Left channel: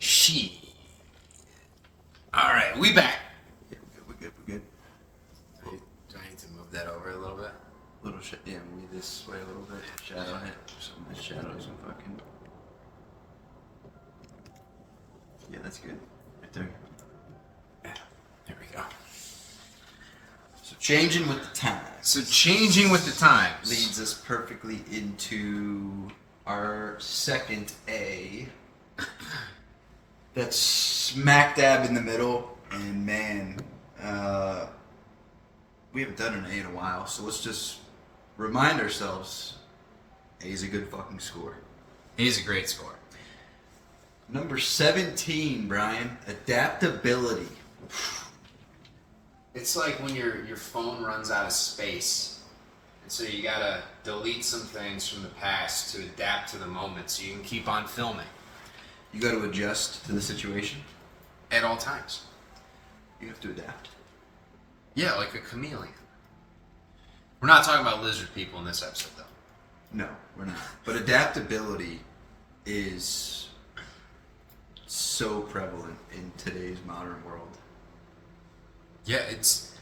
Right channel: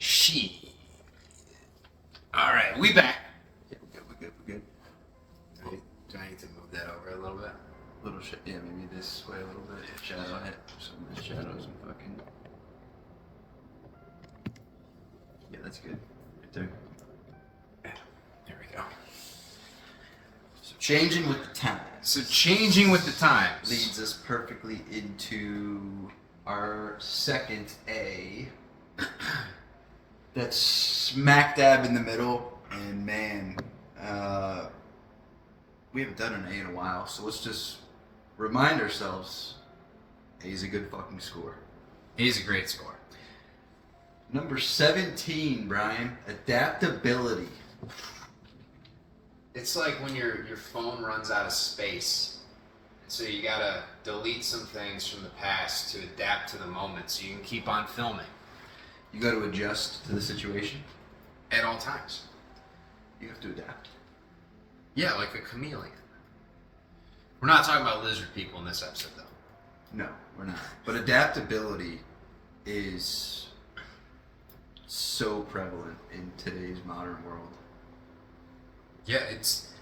She. All right, we back. Yeah, we're good. Do I need to move that over a little bit? Little shit, yeah, maybe this way a little bit. Shadow it. Some nice shadows and fucking. Yeah, that's good. Right there. Yeah, there we go. So changing with the times. So changing with the times Leads us perfectly into our second A. That's smack dab in the middle, and man, we haven't done an A in a while, so let's just remind ourselves, A is a good fucking score. He's a great score. Number 17, Brian, adaptability. It's like when your phone runs out of space, and so you gotta delete some things from the past to adapt to the moment, so you can keep on filming You got to adjust to the situation. at all times. You have to adapt. Yeah, like a chameleon. We're not talking about lizard people in this episode, though. No, we're not. But adaptability is so prevalent in today's modern world. Yeah, it's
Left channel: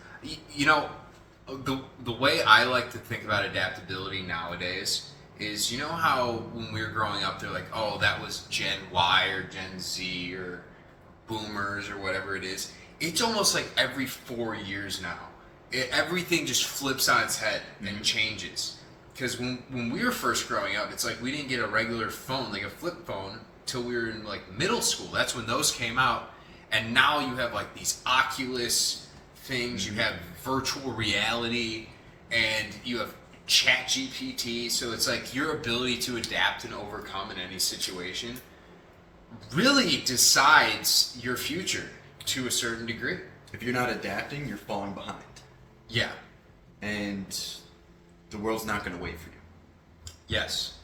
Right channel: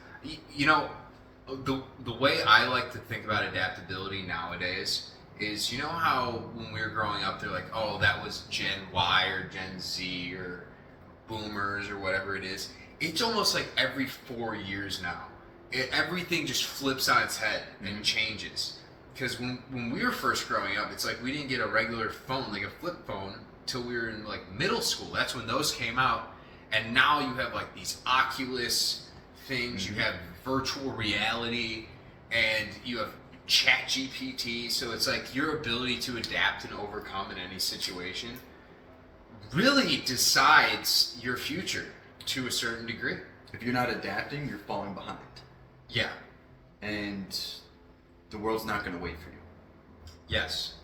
the way I like to think about adaptability nowadays is, you know how when we were growing up they're like, oh, that was Gen Y or Gen Z or boomers or whatever it is. It's almost like every 4 years now. Everything just flips on its head and changes. Because when we were first growing up, it's like we didn't get a regular phone, like a flip phone, till we were in like middle school. That's when those came out. And now you have like these Oculus things, you have virtual reality, and you have Chat GPT. So it's like your ability to adapt and overcome in any situation really decides your future to a certain degree. If you're not adapting, you're falling behind. Yeah. And the world's not going to wait for you. Yes.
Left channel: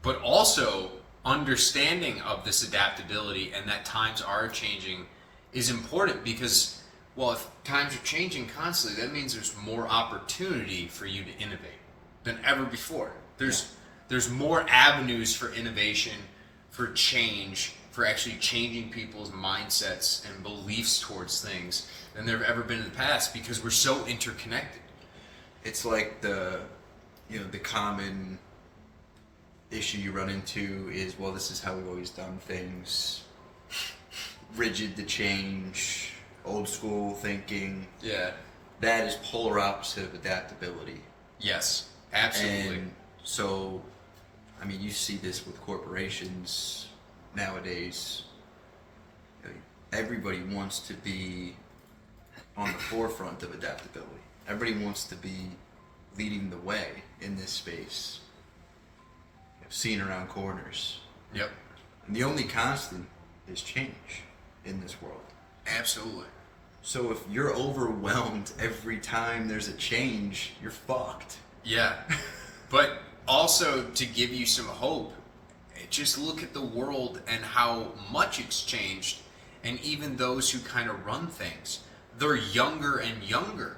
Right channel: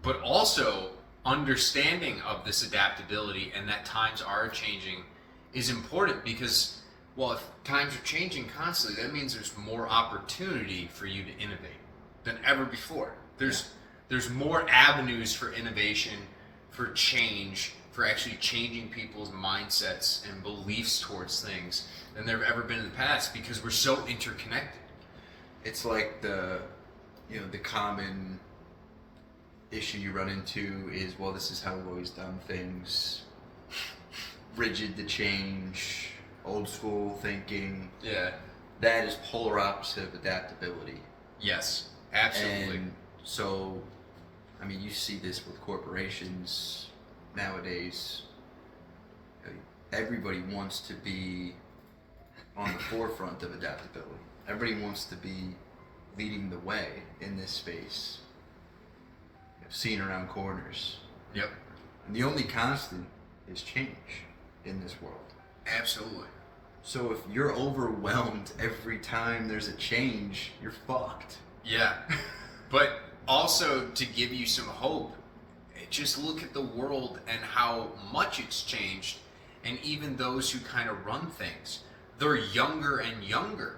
But also, understanding of this adaptability and that times are changing is important because, well, if times are changing constantly, that means there's more opportunity for you to innovate than ever before. There's more avenues for innovation, for change, for actually changing people's mindsets and beliefs towards things than there have ever been in the past because we're so interconnected. It's like the common issue you run into is, well, this is how we've always done things. Rigid to change, old school thinking. Yeah. That is polar opposite of adaptability. Yes, absolutely. And so, I mean, you see this with corporations nowadays. Everybody wants to be on the forefront of adaptability. Everybody wants to be leading the way in this space, seeing around corners. Yep. And the only constant is change in this world. Absolutely. So if you're overwhelmed every time there's a change, you're fucked. Yeah. But also to give you some hope, just look at the world and how much it's changed. And even those who kind of run things, they're younger and younger,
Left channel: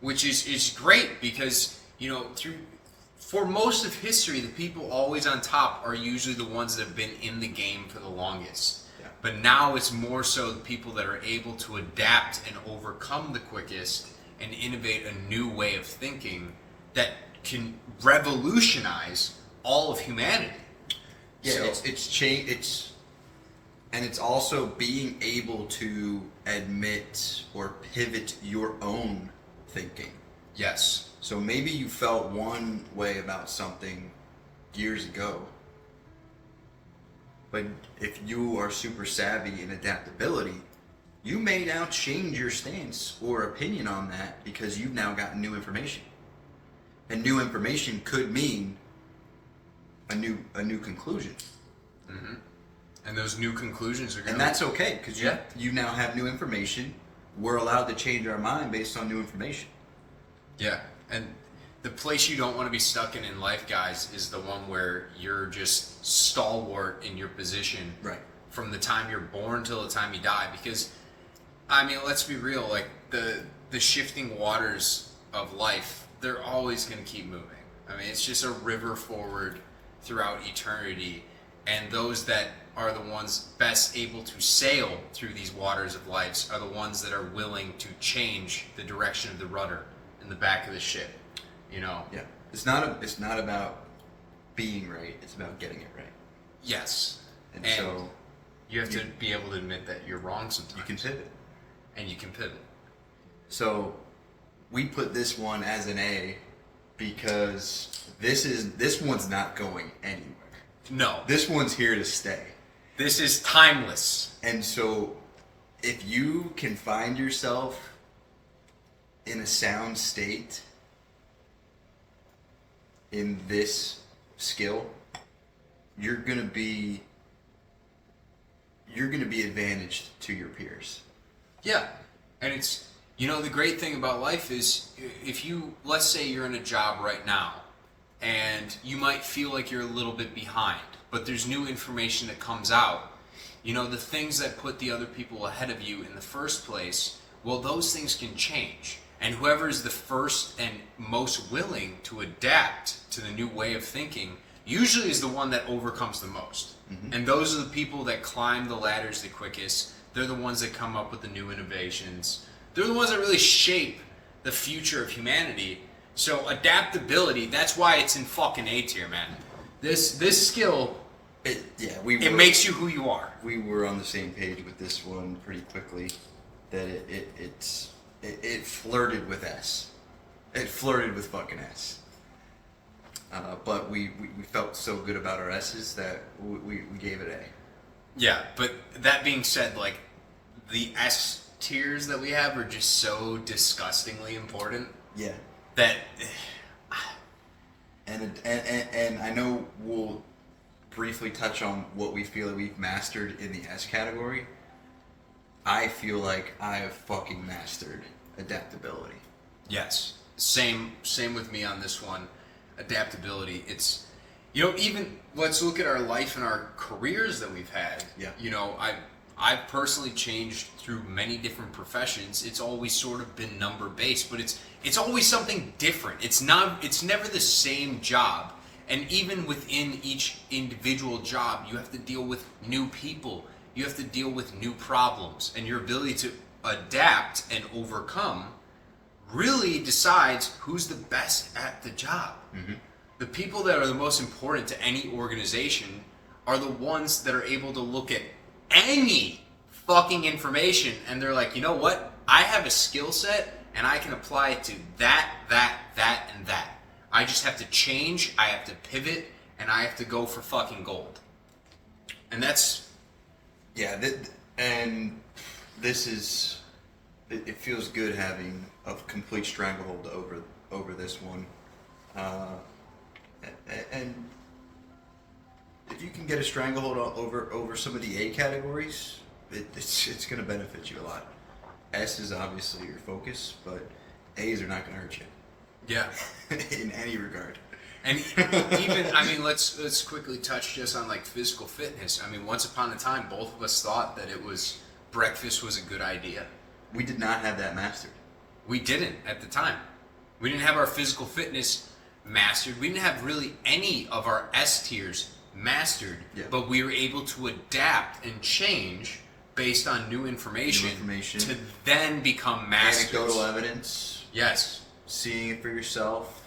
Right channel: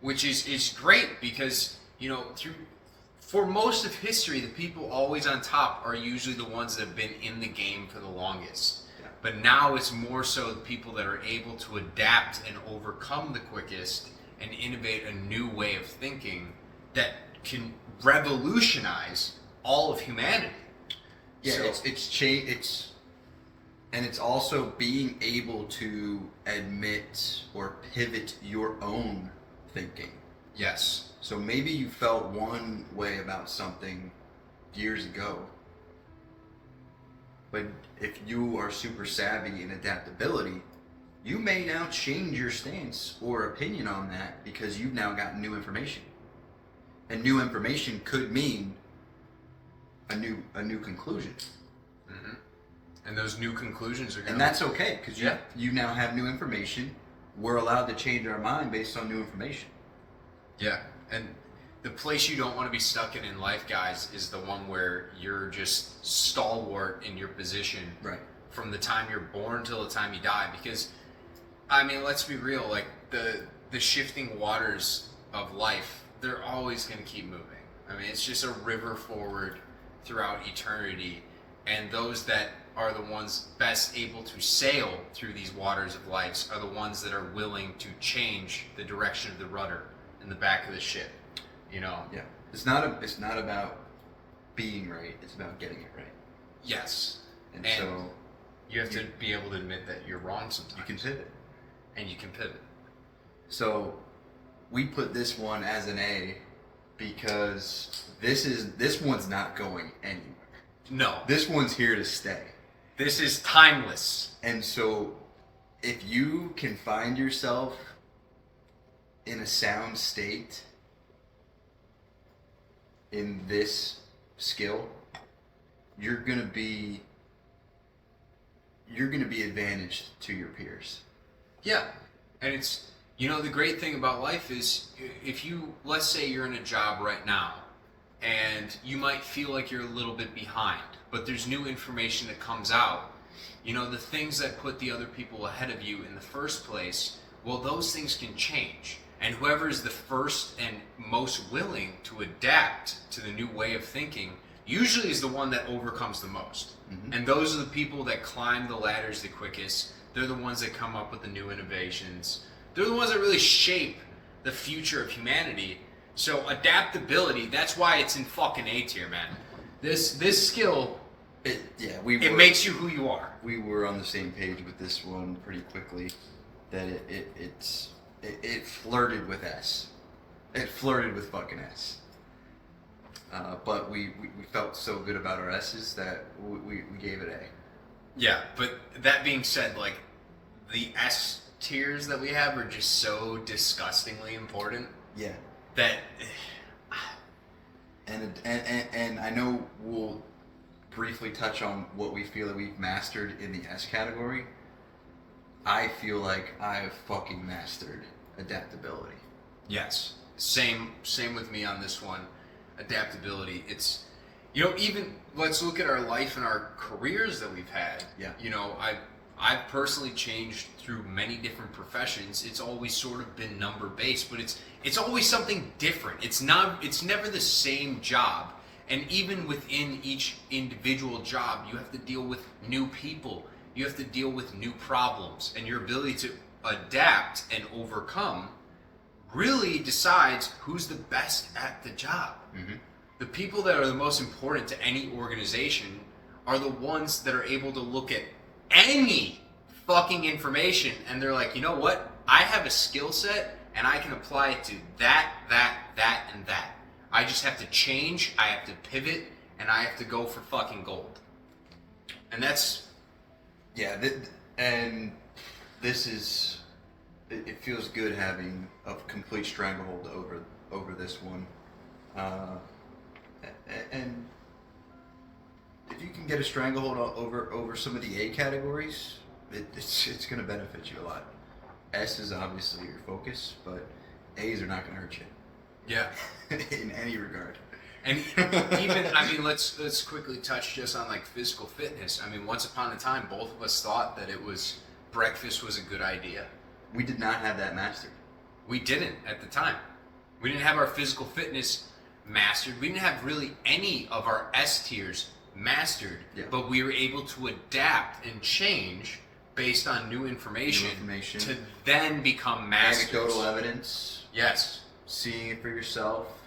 which is great because, for most of history, the people always on top are usually the ones that have been in the game for the longest. Yeah. But now it's more so the people that are able to adapt and overcome the quickest and innovate a new way of thinking that can revolutionize all of humanity. Yeah, so it's change. And it's also being able to admit or pivot your own thinking. Yes. So maybe you felt one way about something years ago, but if you are super savvy in adaptability, you may now change your stance or opinion on that because you've now got new information. And new information could mean a new conclusion. Mm-hmm. And those new conclusions are going to... And that's okay, because you now have new information. We're allowed to change our mind based on new information. Yeah, and the place you don't want to be stuck in life, guys, is the one where you're just stalwart in your position right from the time you're born till the time you die. Because, I mean, let's be real, like, the shifting waters of life, they're always going to keep moving. I mean, it's just a river forward throughout eternity. And those that are the ones best able to sail through these waters of life are the ones that are willing to change the direction of the rudder in the back of the ship. You know? Yeah. It's not about being right. It's about getting it right. Yes. And so you have to be able to admit that you're wrong sometimes. You can pivot. And you can pivot. So we put this one as an A because this one's not going anywhere. No. This one's here to stay. This is timeless. And so if you can find yourself in a sound state in this skill, you're gonna be advantaged to your peers. Yeah. And it's, you know, the great thing about life is if you, let's say you're in a job right now and you might feel like you're a little bit behind, but there's new information that comes out. You know, the things that put the other people ahead of you in the first place, well, those things can change. And whoever is the first and most willing to adapt to the new way of thinking usually is the one that overcomes the most. Mm-hmm. And those are the people that climb the ladders the quickest. They're the ones that come up with the new innovations. They're the ones that really shape the future of humanity. So adaptability, that's why it's in fucking A tier, man. This skill, it makes you who you are. We were on the same page with this one pretty quickly. That it flirted with S. It flirted with fucking S. But we felt so good about our S's that we gave it A. Yeah, but that being said, like, the S tiers that we have are just so disgustingly important. Yeah. That... And I know we'll briefly touch on what we feel that we've mastered in the S category. I feel like I have fucking mastered adaptability. Yes. Same with me on this one. Adaptability. It's, you know, even let's look at our life and our careers that we've had. Yeah. You know, I've personally changed through many different professions. It's always sort of been number based, but it's always something different. It's never the same job. And even within each individual job, you have to deal with new people. You have to deal with new problems, and your ability to adapt and overcome really decides who's the best at the job. Mm-hmm. The people that are the most important to any organization are the ones that are able to look at any fucking information and they're like, you know what? I have a skill set and I can apply it to that, and that. I just have to change, I have to pivot, and I have to go for fucking gold. And that's... Yeah, and this is... It feels good having a complete stranglehold over this one. And if you can get a stranglehold over some of the A categories, it's going to benefit you a lot. S is obviously your focus, but A's are not going to hurt you. Yeah. In any regard. And even, I mean, let's quickly touch just on like physical fitness. I mean, once upon a time, both of us thought that breakfast was a good idea. We did not have that mastered. We didn't at the time. We didn't have our physical fitness mastered. We didn't have really any of our S tiers mastered, but we were able to adapt and change based on new information to then become masters. Anecdotal evidence. Yes. Seeing it for yourself.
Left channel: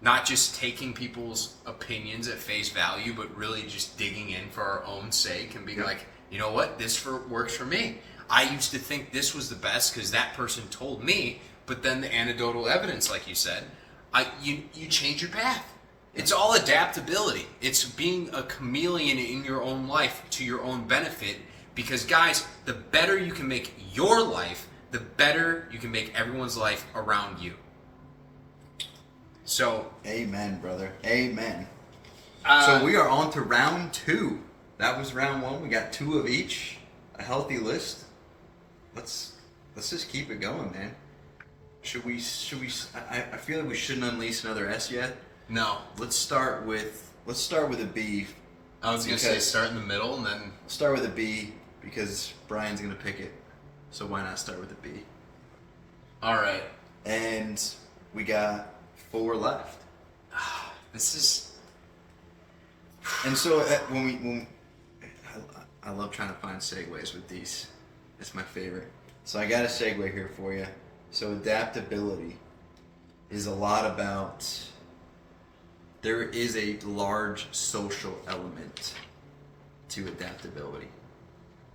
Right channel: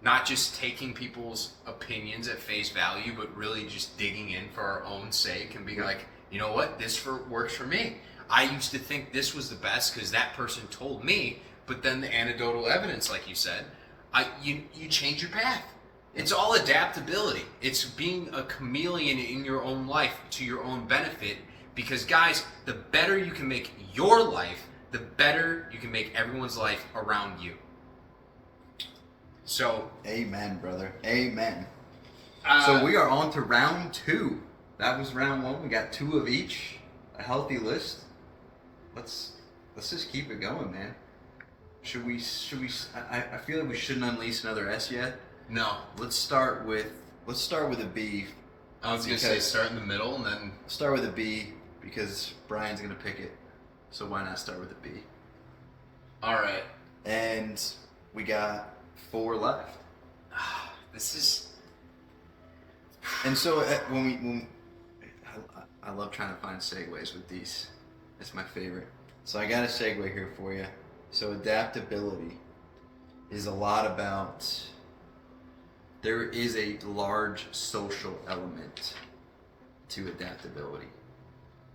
Not just taking people's opinions at face value, but really just digging in for our own sake and being like, you know what, this works for me. I used to think this was the best because that person told me, but then the anecdotal evidence, like you said, you change your path. It's all adaptability. It's being a chameleon in your own life to your own benefit, because guys, the better you can make your life, the better you can make everyone's life around you. So, amen, brother. Amen. So we are on to round 2. That was round 1. We got 2 of each. A healthy list. Let's just keep it going, man. Should we? I feel like we shouldn't unleash another S yet. No. Let's start with a B. I was gonna say start in the middle and then start with a B because Brian's gonna pick it. So why not start with a B? All right. And we got 4 left. This is. And so when I love trying to find segues with these. It's my favorite. So I got a segue here for you. So adaptability is a lot about, there is a large social element to adaptability.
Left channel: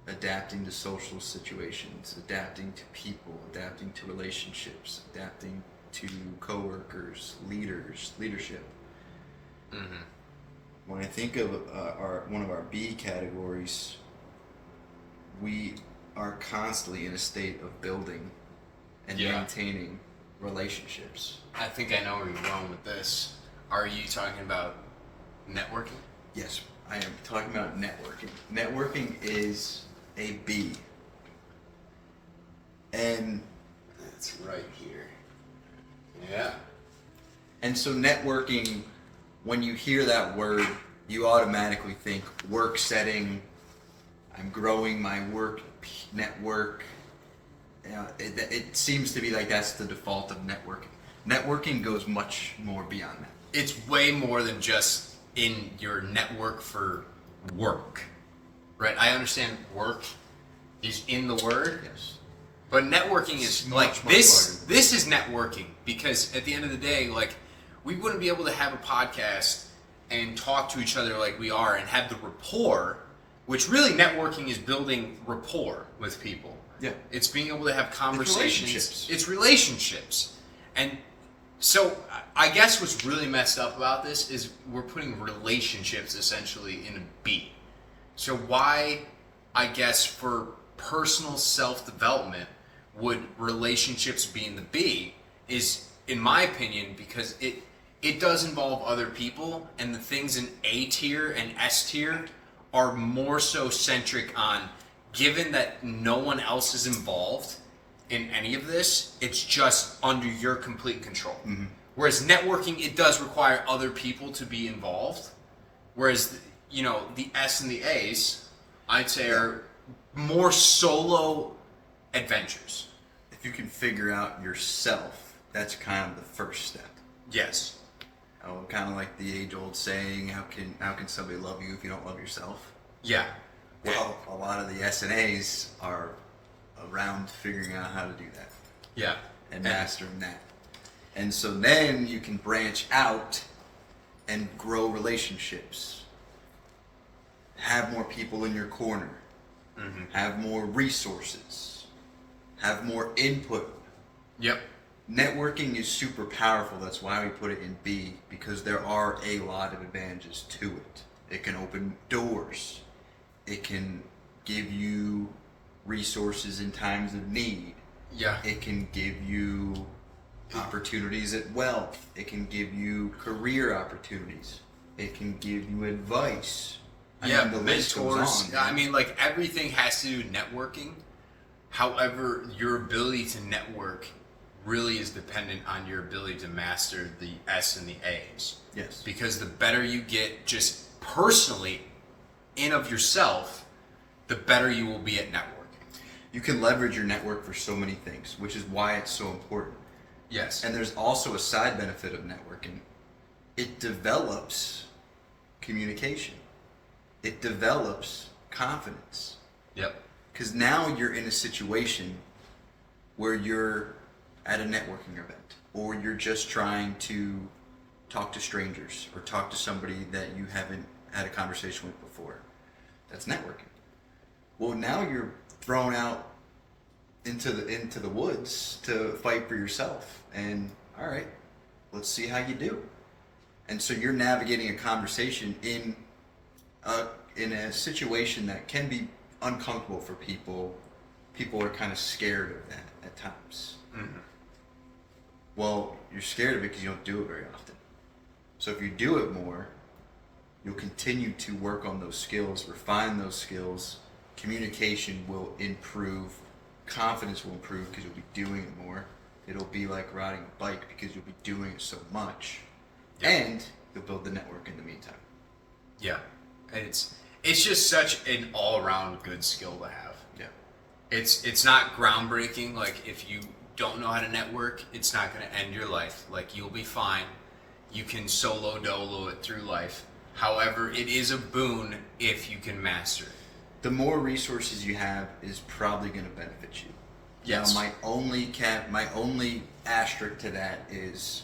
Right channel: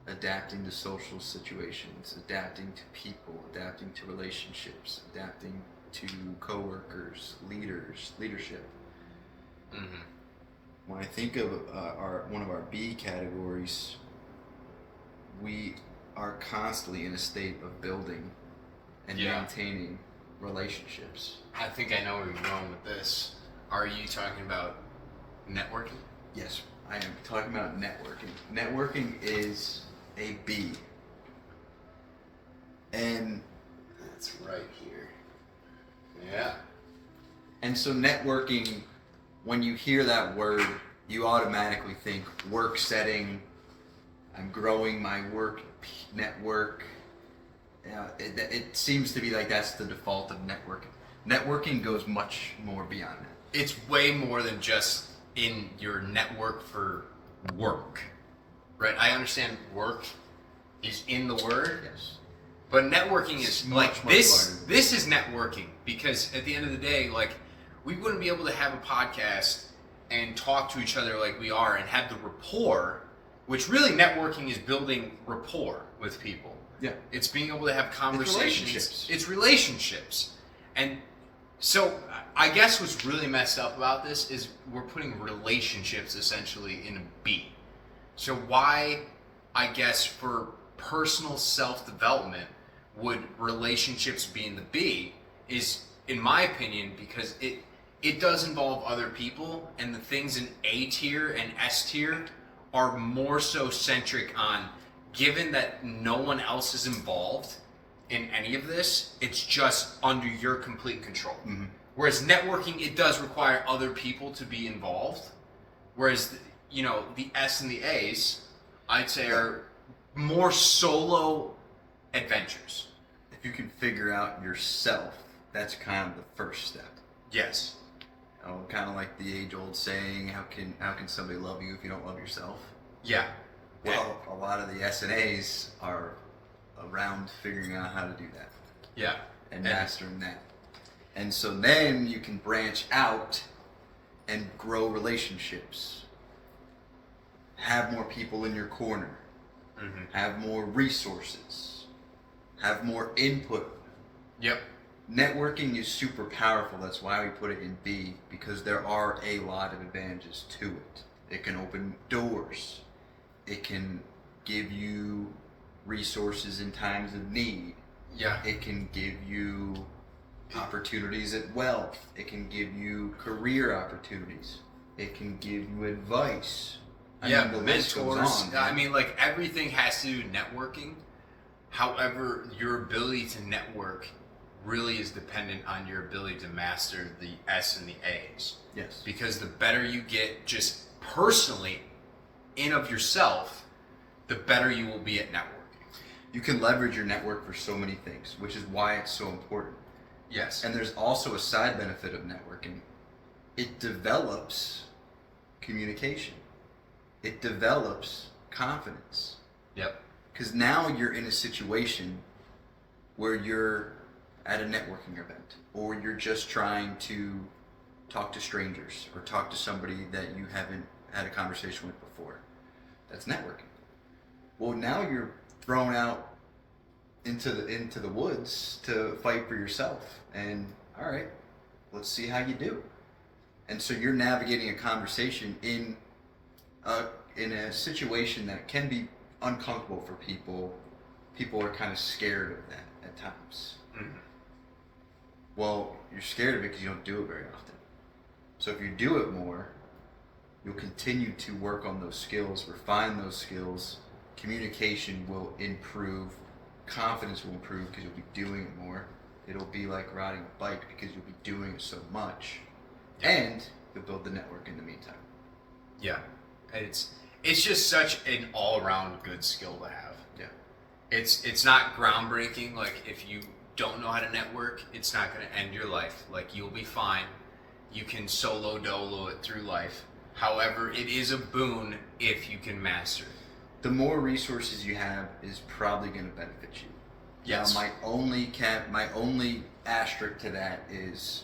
Adapting to social situations, adapting to people, adapting to relationships, adapting to coworkers, leadership. Mm-hmm. When I think of one of our B categories, we are constantly in a state of building and maintaining relationships. I think I know where you're going with this. Are you talking about networking? Yes, I am talking about networking. Networking is a B. And that's right here. Yeah. And so networking, when you hear that word, you automatically think work setting, I'm growing my work network. It seems to be like that's the default of networking. Networking goes much more beyond that. It's way more than just in your network for work, right? I understand work is in the word, Yes. but networking is Much this. larger. This is networking because at the end of the day, like we wouldn't be able to have a podcast and talk to each other like we are and have the rapport, which really networking is building rapport with people. Yeah. It's being able to have conversations. relationships. It's relationships. And so I guess what's really messed up about this is we're putting relationships essentially in a B. So why, I guess, for personal self-development would relationships be in the B is, in my opinion, because it does involve other people, and the things in A tier and S tier are more so centric on, given that no one else is involved in any of this, it's just under your complete control. Mm-hmm. Whereas networking, it does require other people to be involved. Whereas, the S and the A's, I'd say are more solo adventures. If you can figure out yourself, that's kind of the first step. Yes. Kind of like the age-old saying, how can somebody love you if you don't love yourself? Yeah. Well, a lot of the S and A's are around figuring out how to do that. Yeah. And mastering that. And so then you can branch out and grow relationships. Have more people in your corner. Mm-hmm. Have more resources. Have more input. Yep. Networking is super powerful. That's why we put it in B, because there are a lot of advantages to it. It can open doors. It can give you resources in times of need. Yeah. It can give you opportunities at wealth. It can give you career opportunities. It can give you advice. The list goes mentors. on, I mean, like everything has to do with networking. However, your ability to network really is dependent on your ability to master the S and the A's. Yes. Because the better you get just personally in of yourself, the better you will be at networking. You can leverage your network for so many things, which is why it's so important. Yes. And there's also a side benefit of networking. It develops communication. It develops confidence. Yep. Because now you're in a situation where you're at a networking event, or you're just trying to talk to strangers, or talk to somebody that you haven't had a conversation with before. That's networking. Well, now you're thrown out into the woods to fight for yourself. And all right, let's see how you do. And so you're navigating a conversation in a situation that can be uncomfortable for people. People are kind of scared of that at times. Mm-hmm. Well, you're scared of it because you don't do it very often. So if you do it more, you'll continue to work on those skills, refine those skills. Communication will improve. Confidence will improve because you'll be doing it more. It'll be like riding a bike because you'll be doing it so much. Yeah. And you'll build the network in the meantime. Yeah. It's just such an all-around good skill to have. Yeah. It's not groundbreaking. Like, if you don't know how to network, it's not going to end your life. Like, you'll be fine. You can solo dolo it through life. However, it is a boon if you can master it. the more resources you have is probably going to benefit you. Yes. Now, my only asterisk to that is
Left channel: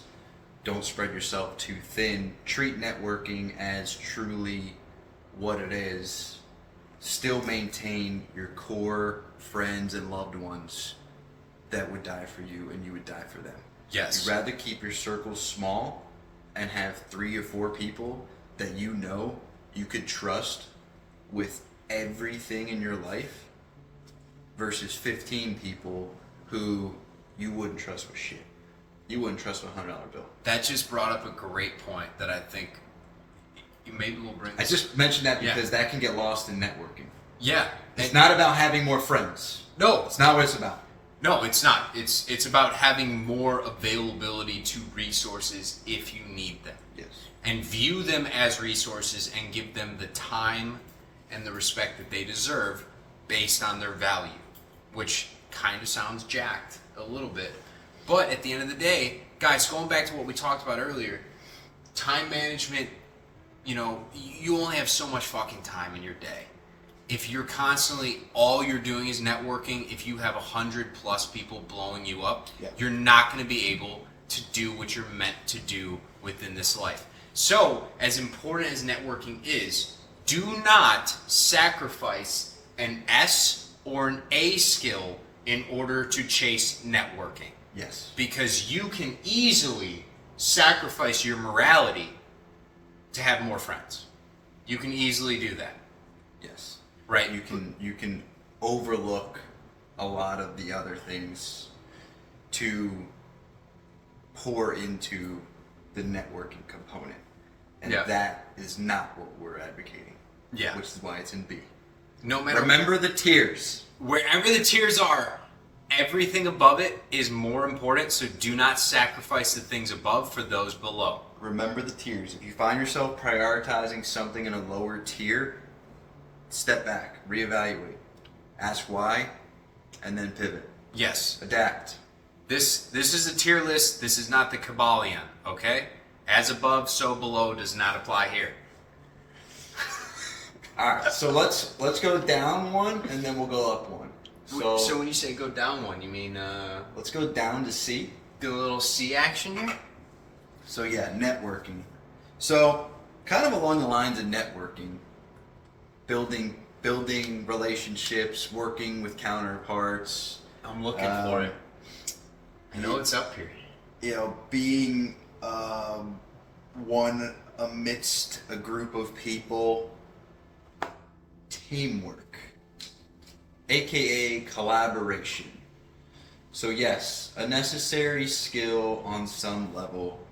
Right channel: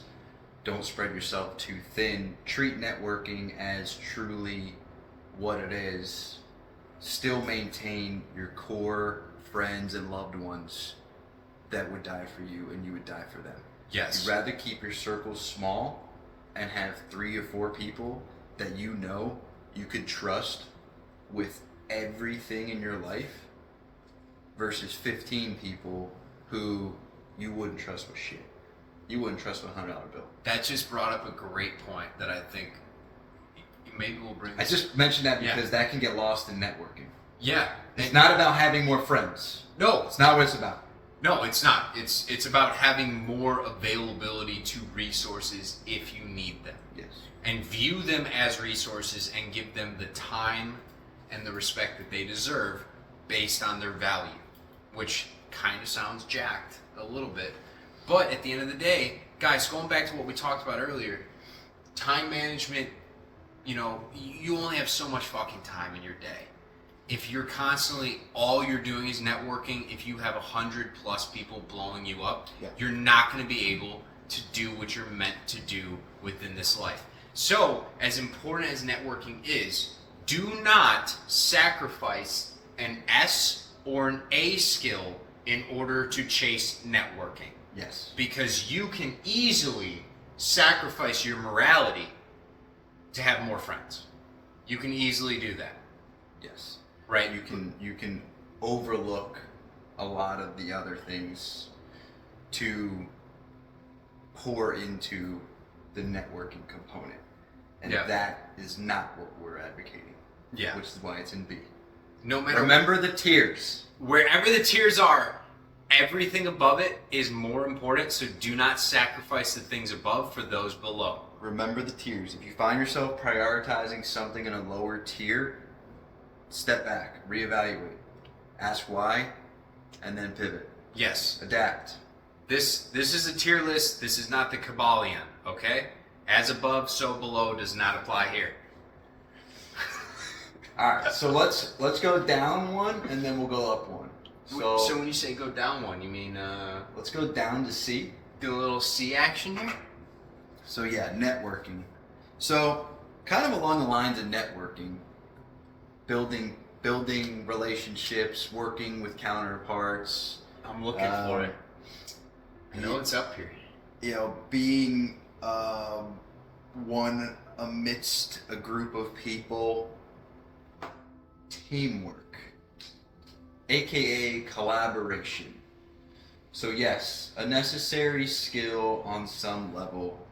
don't spread yourself too thin. Treat networking as truly what it is. Still maintain your core friends and loved ones that would die for you and you would die for them. Yes. You'd rather keep your circle small and have 3 or 4 people that you know you could trust with everything in your life versus 15 people who you wouldn't trust with shit. You wouldn't trust with a $100 bill. That just brought up a great point that I think maybe we'll bring. I just mentioned that because that can get lost in networking. Yeah. It's not about having more friends. No. It's not what it's about. No, it's not. It's about having more availability to resources if you need them. Yes. And view them as resources and give them the time and the respect that they deserve based on their value, which kind of sounds jacked a little bit. But at the end of the day, guys, going back to what we talked about earlier, time management, you know, you only have so much fucking time in your day. If you're constantly, all you're doing is networking, if you have 100+ people blowing you up, you're not going to be able to do what you're meant to do within this life. So, as important as networking is, do not sacrifice an S or an A skill in order to chase networking. Yes. Because you can easily sacrifice your morality to have more friends. You can easily do that. Yes. Right? You can overlook a lot of the other things to pour into the networking component. And that is not what we're advocating. Yeah. Which is why it's in B. No matter Remember the tiers. Wherever the tiers are, everything above it is more important, so do not sacrifice the things above for those below. Remember the tiers. If you find yourself prioritizing something in a lower tier, step back, reevaluate, ask why, and then pivot. Yes. Adapt. This is a tier list. This is not the Kabbalion, okay? As above, so below does not apply here. All right, so let's go down one, and then we'll go up one. So when you say go down one, you mean let's go down to C. do a little C action here? So yeah, networking. So kind of along the lines of networking, building relationships, working with counterparts. I'm looking for it. I know it's up here. You know, being one amidst a group of people. Teamwork, aka collaboration. So yes, a necessary skill on some level,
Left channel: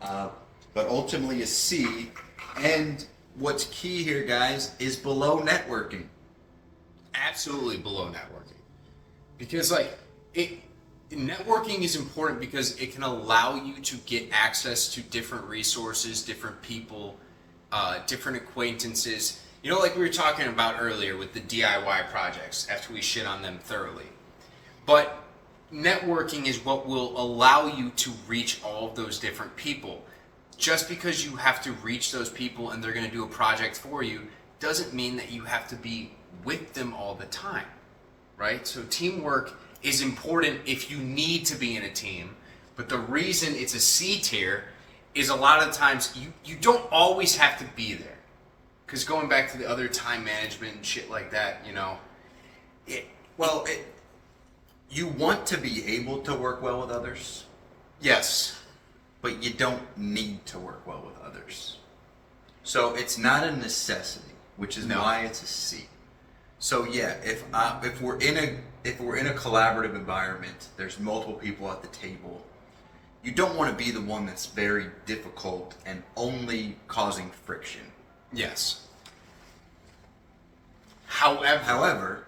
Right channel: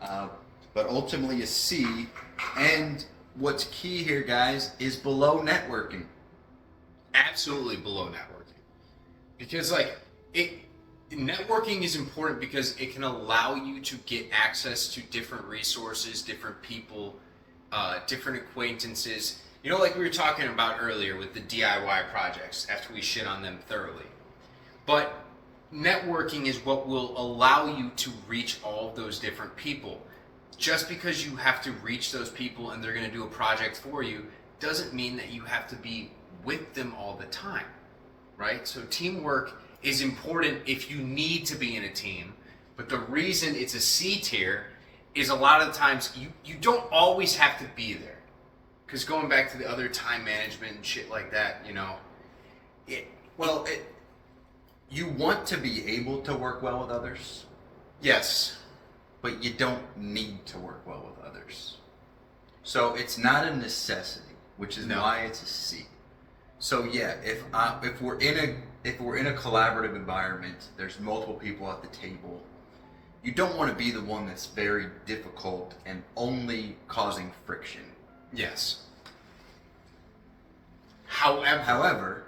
but ultimately a C. And what's key here, guys, is below networking. Absolutely below networking, because networking is important because it can allow you to get access to different resources, different people, different acquaintances. You know, like we were talking about earlier with the DIY projects after we shit on them thoroughly. But networking is what will allow you to reach all of those different people. Just because you have to reach those people and they're going to do a project for you doesn't mean that you have to be with them all the time, right? So teamwork is important if you need to be in a team. But the reason it's a C tier is a lot of times you don't always have to be there. Because going back to the other time management and shit like that, you know, you want to be able to work well with others. Yes. But you don't need to work well with others. So it's not a necessity, which is why it's a C. So yeah, if we're in a collaborative environment, there's multiple people at the table. You don't want to be the one that's very difficult and only causing friction. Yes. However,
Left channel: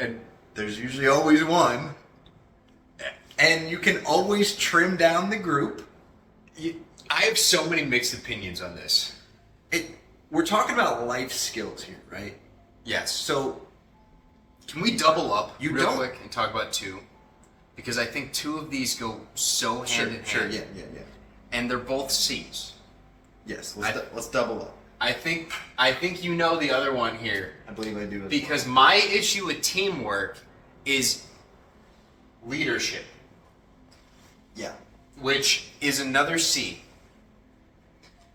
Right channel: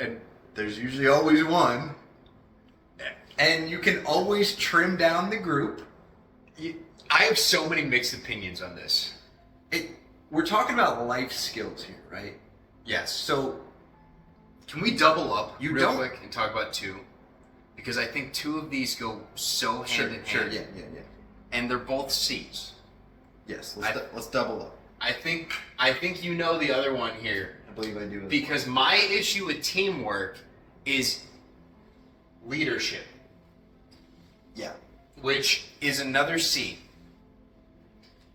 and there's usually always one, and you can always trim down the group. I have so many mixed opinions on this. We're talking about life skills here, right? Yes. So, can we double up real don't quick and talk about two? Because I think two of these go so hand in hand. Sure, yeah. And they're both C's. Yes, let's double up. I think you know the other one here. I believe I do. Because my issue with teamwork is leadership. Yeah. Which is another C.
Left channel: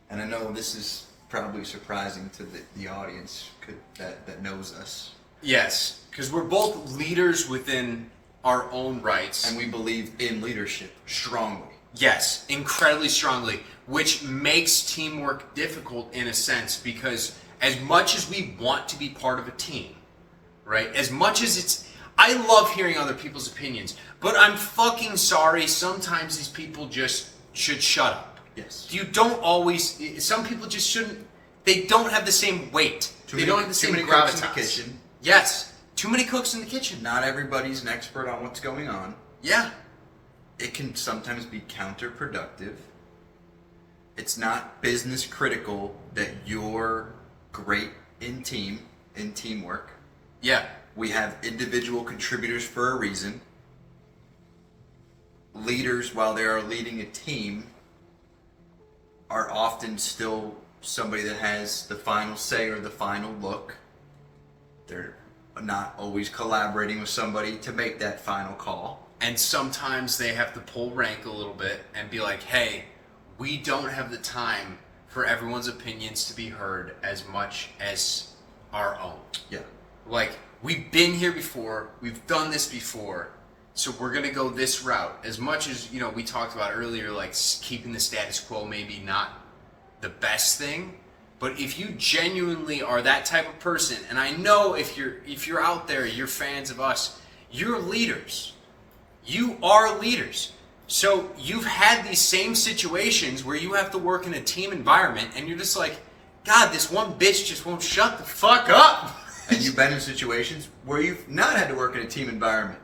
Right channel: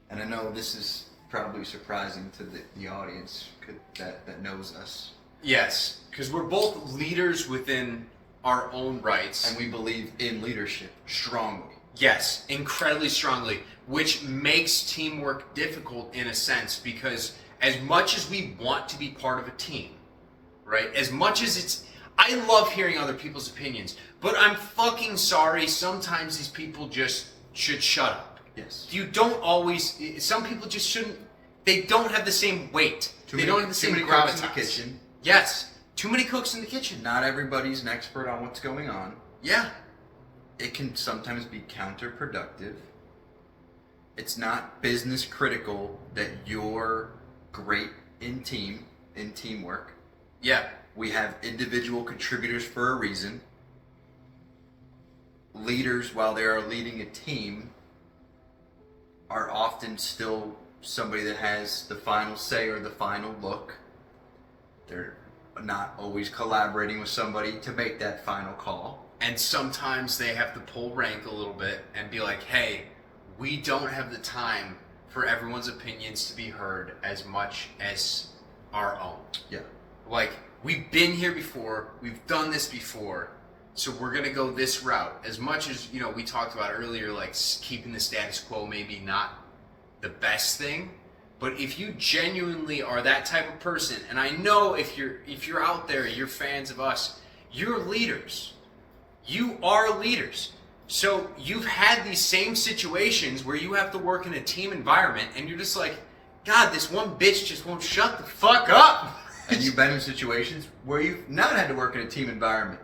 And I know this is probably surprising to the audience that knows us. Yes, because we're both leaders within our own rights. And we believe in leadership strongly. Yes, incredibly strongly, which makes teamwork difficult in a sense because as much as we want to be part of a team, right? As much as I love hearing other people's opinions, but I'm fucking sorry, sometimes these people just should shut up. Yes. You don't always, some people just shouldn't, they don't have the same weight. They don't have the same gravitas. Cooks in the kitchen. Yes. Too many cooks in the kitchen. Not everybody's an expert on what's going on. Yeah. It can sometimes be counterproductive. It's not business critical that you're great in teamwork. Yeah. We have individual contributors for a reason. Leaders, while they are leading a team, are often still somebody that has the final say or the final look. They're not always collaborating with somebody to make that final call. And sometimes they have to pull rank a little bit and be like, hey, we don't have the time for everyone's opinions to be heard as much as our own. Yeah. Like, we've been here before, we've done this before, so we're going to go this route. As much as, we talked about earlier, like keeping the status quo maybe not the best thing, but if you genuinely are that type of person, and I know if you're out there, you're fans of us, you're leaders. You are leaders. So you've had these same situations where you have to work in a team environment and you're just like, God, this one bitch just won't shut the fuck up. And you've been in situations where you've not had to work in a team environment.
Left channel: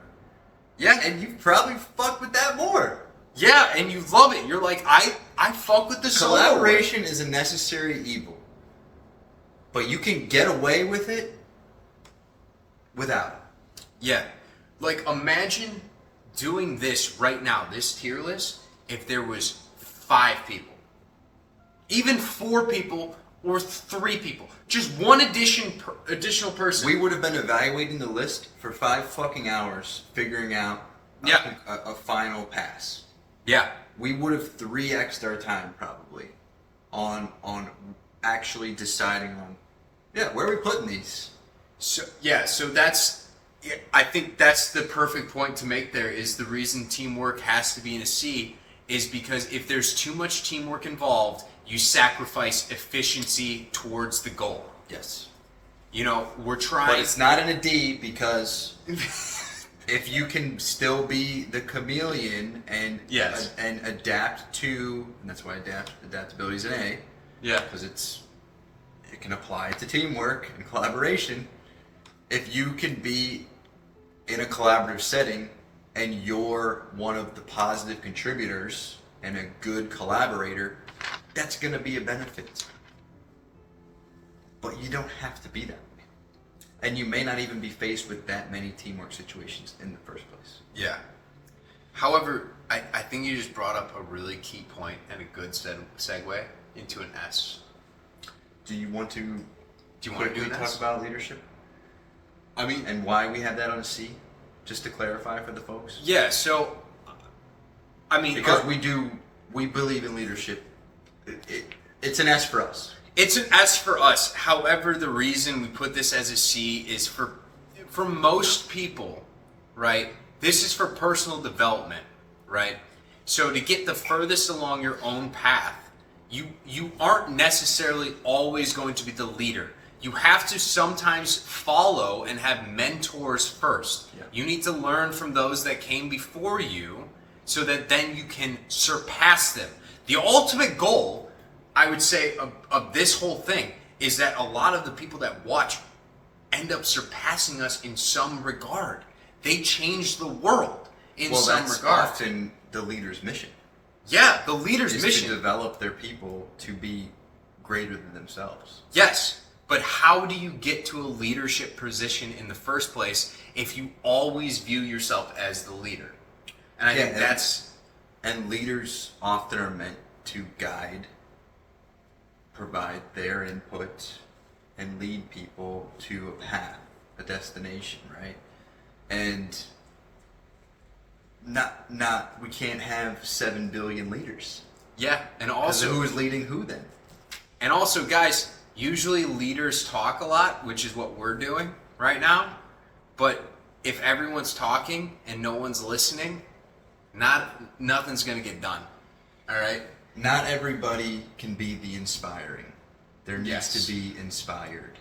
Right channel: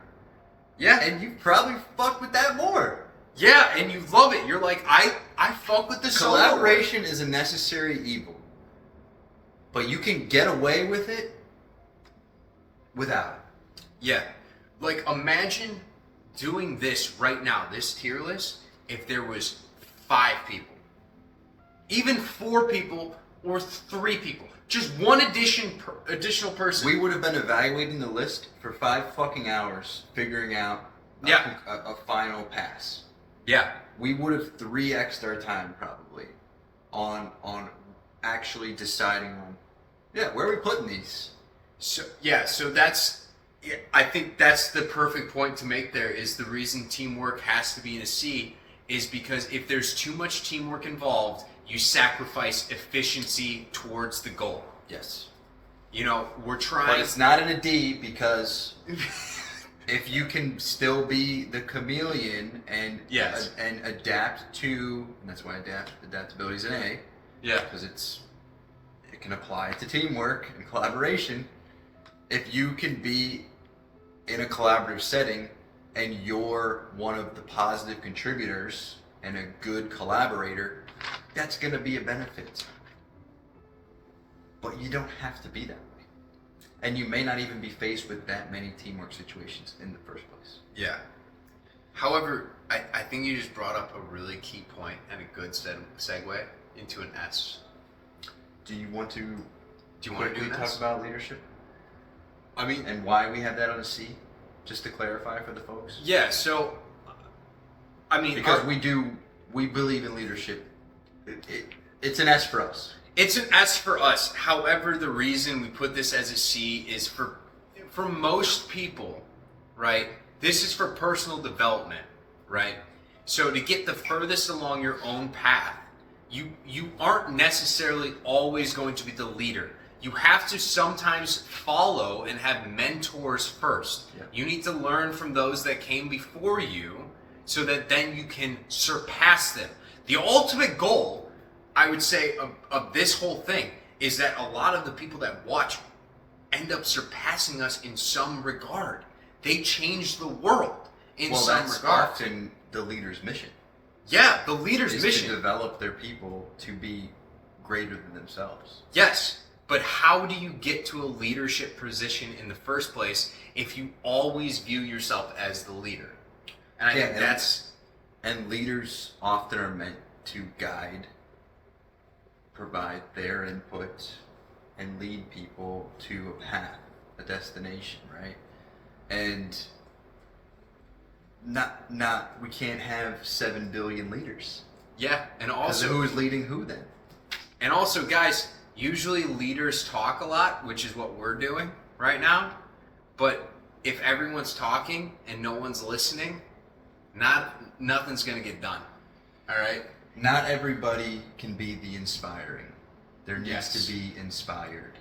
Yeah. And you've probably fucked with that more. Yeah, and you love it. You're like, I fuck with the solo. Collaboration is a necessary evil. But you can get away with it without it. Yeah. Like, imagine doing this right now, this tier list, if there was 5 people. Even 4 people or 3 people. Just one additional person. We would have been evaluating the list for 5 fucking hours, figuring out a final pass. Yeah. We would have 3x'd our time probably on actually deciding on, where are we putting these? So I think that's the perfect point to make there is the reason teamwork has to be in a C is because if there's too much teamwork involved, you sacrifice efficiency towards the goal. Yes. We're trying. But it's not in a D because if you can still be the chameleon and and adapt to, and that's why adaptability is an A. Yeah. Because it can apply to teamwork and collaboration. If you can be in a collaborative setting and you're one of the positive contributors and a good collaborator, that's going to be a benefit. But you don't have to be that way. And you may not even be faced with that many teamwork situations in the first place. Yeah. However, I think you just brought up a really key point and a good segue into an S. Do you want to quickly talk about leadership? I mean, and why we have that on a C? Just to clarify for the folks. Yeah, so I mean, because we believe in leadership. It's an S for us. It's an S for us. However, the reason we put this as a C is for most people, right? This is for personal development, right? So to get the furthest along your own path, you aren't necessarily always going to be the leader. You have to sometimes follow and have mentors first. Yeah. You need to learn from those that came before you so that then you can surpass them. The ultimate goal, I would say, of this whole thing is that a lot of the people that watch end up surpassing us in some regard. They change the world in some regard. Well, that's often the leader's mission. Yeah, the leader's is mission. To develop their people to be greater than themselves. Yes. But how do you get to a leadership position in the first place if you always view yourself as the leader? And I think that's... And leaders often are meant to guide provide their input and lead people to a path, a destination, right? And we can't have 7 billion leaders. Yeah, and 'Cause also who's leading who then? And also, guys, usually leaders talk a lot, which is what we're doing right now. But if everyone's talking and no one's listening, nothing's going to get done. All right? Not everybody can be the inspiring. There needs Yes. to be inspired.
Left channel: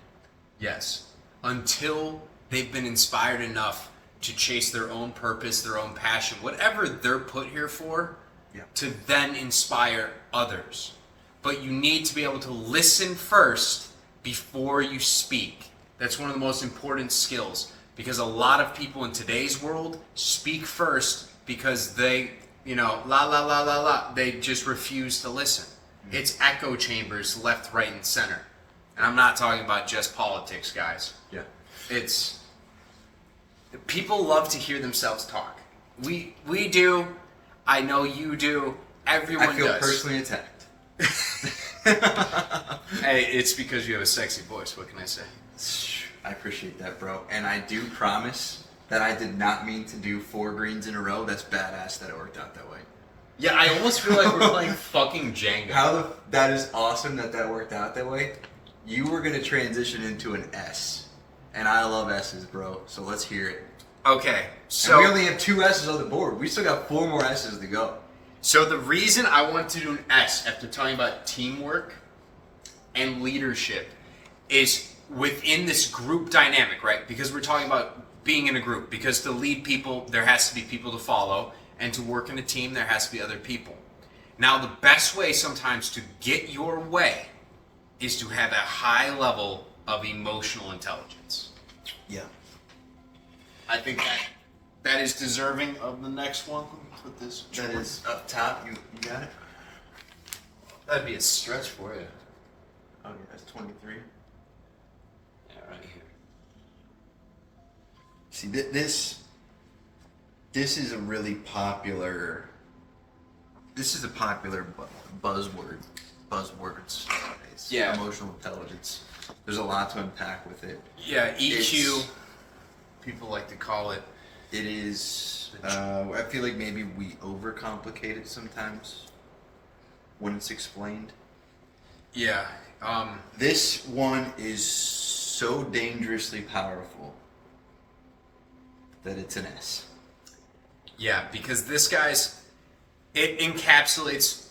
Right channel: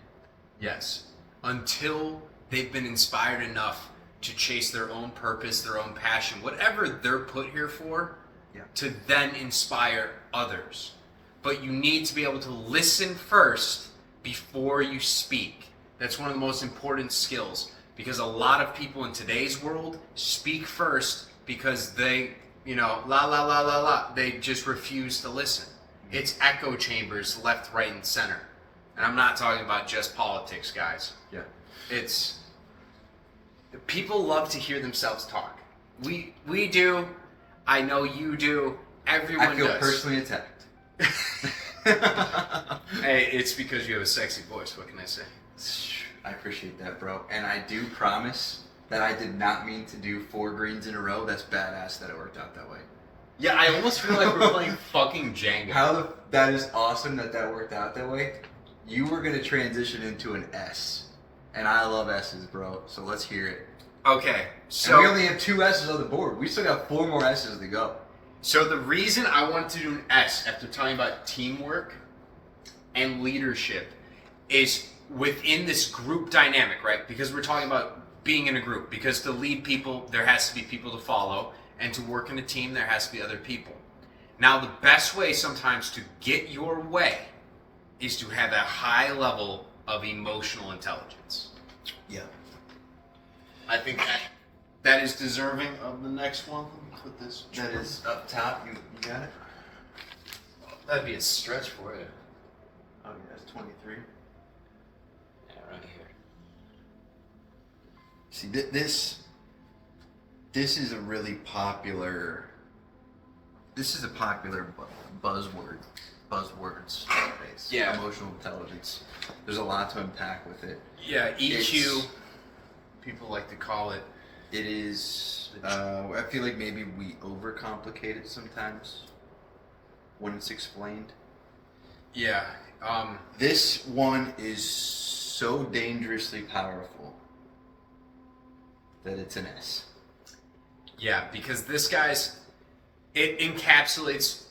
Yes. Until they've been inspired enough to chase their own purpose, their own passion, whatever they're put here for, Yeah. to then inspire others. But you need to be able to listen first before you speak. That's one of the most important skills, because a lot of people in today's world speak first because they, la la la la la, they just refuse to listen. It's echo chambers left, right, and center. And I'm not talking about just politics, guys. Yeah. It's people love to hear themselves talk. We do. I know you do. Everyone I feel does. personally attacked. Hey, it's because you have a sexy voice. What can I say? I appreciate that, bro. And I do promise that I did not mean to do 4 greens in a row. That's badass that it worked out that way. Yeah, I almost feel like we're playing fucking Jenga. That is awesome that worked out that way. You were gonna transition into an S, and I love S's, bro. So let's hear it. Okay, so And we only have 2 S's on the board. We still got 4 more S's to go. So the reason I wanted to do an S after talking about teamwork and leadership is within this group dynamic, right? Because we're talking about being in a group. Because to lead people, there has to be people to follow. And to work in a team, there has to be other people. Now, the best way sometimes to get your way is to have a high level of emotional intelligence. Yeah. I think that is deserving of the next one. Put this. That is up top. You got it? That'd be a stretch for you. Oh, yeah, that's 23. Yeah, right here. See, this is a really popular. This is a popular buzzwords nowadays. Yeah. Emotional intelligence. There's a lot to unpack with it. Yeah, EQ. It's- People like to call it. It is. I feel like maybe we overcomplicate it sometimes when it's explained. Yeah. This one is so dangerously powerful that it's an S. Yeah, because this it encapsulates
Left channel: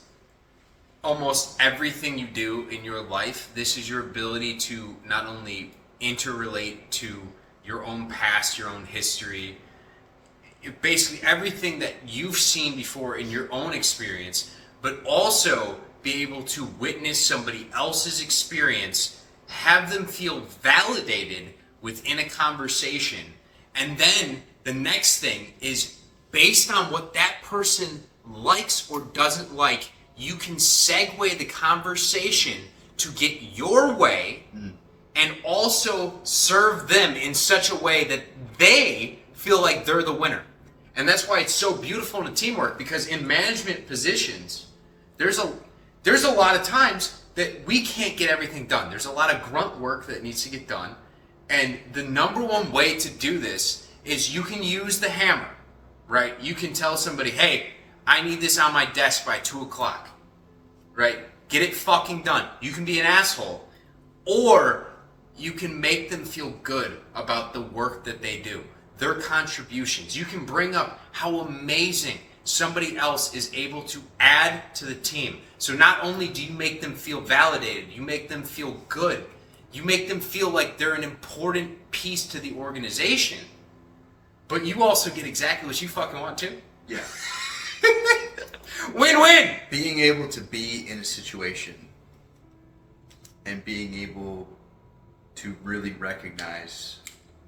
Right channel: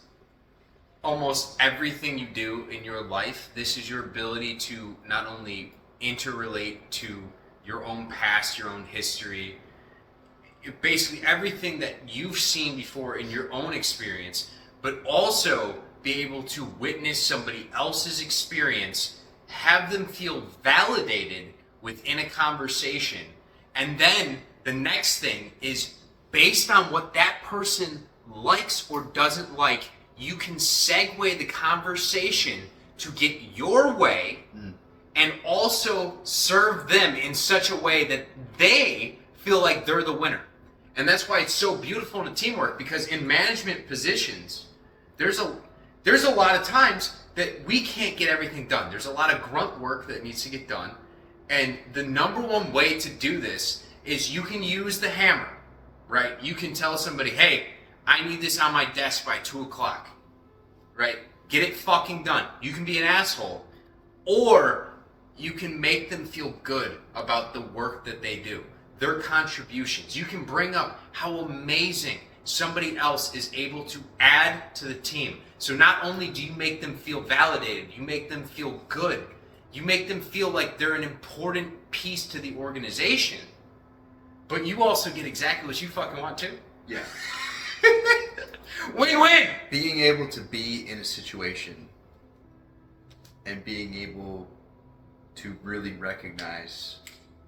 almost everything you do in your life. This is your ability to not only interrelate to your own past, your own history, basically everything that you've seen before in your own experience, but also be able to witness somebody else's experience, have them feel validated within a conversation, and then the next thing is based on what that person likes or doesn't like, you can segue the conversation to get your way and also serve them in such a way that they feel like they're the winner. And that's why it's so beautiful in teamwork, because in management positions, there's a lot of times that we can't get everything done. There's a lot of grunt work that needs to get done. And the number one way to do this is you can use the hammer, right? You can tell somebody, hey, I need this on my desk by 2 o'clock, right? Get it fucking done. You can be an asshole, or you can make them feel good about the work that they do, their contributions. You can bring up how amazing somebody else is able to add to the team. So not only do you make them feel validated, you make them feel good. You make them feel like they're an important piece to the organization, but you also get exactly what you fucking want too. Yeah. Win-win! Being able to be in a situation and being able to really recognize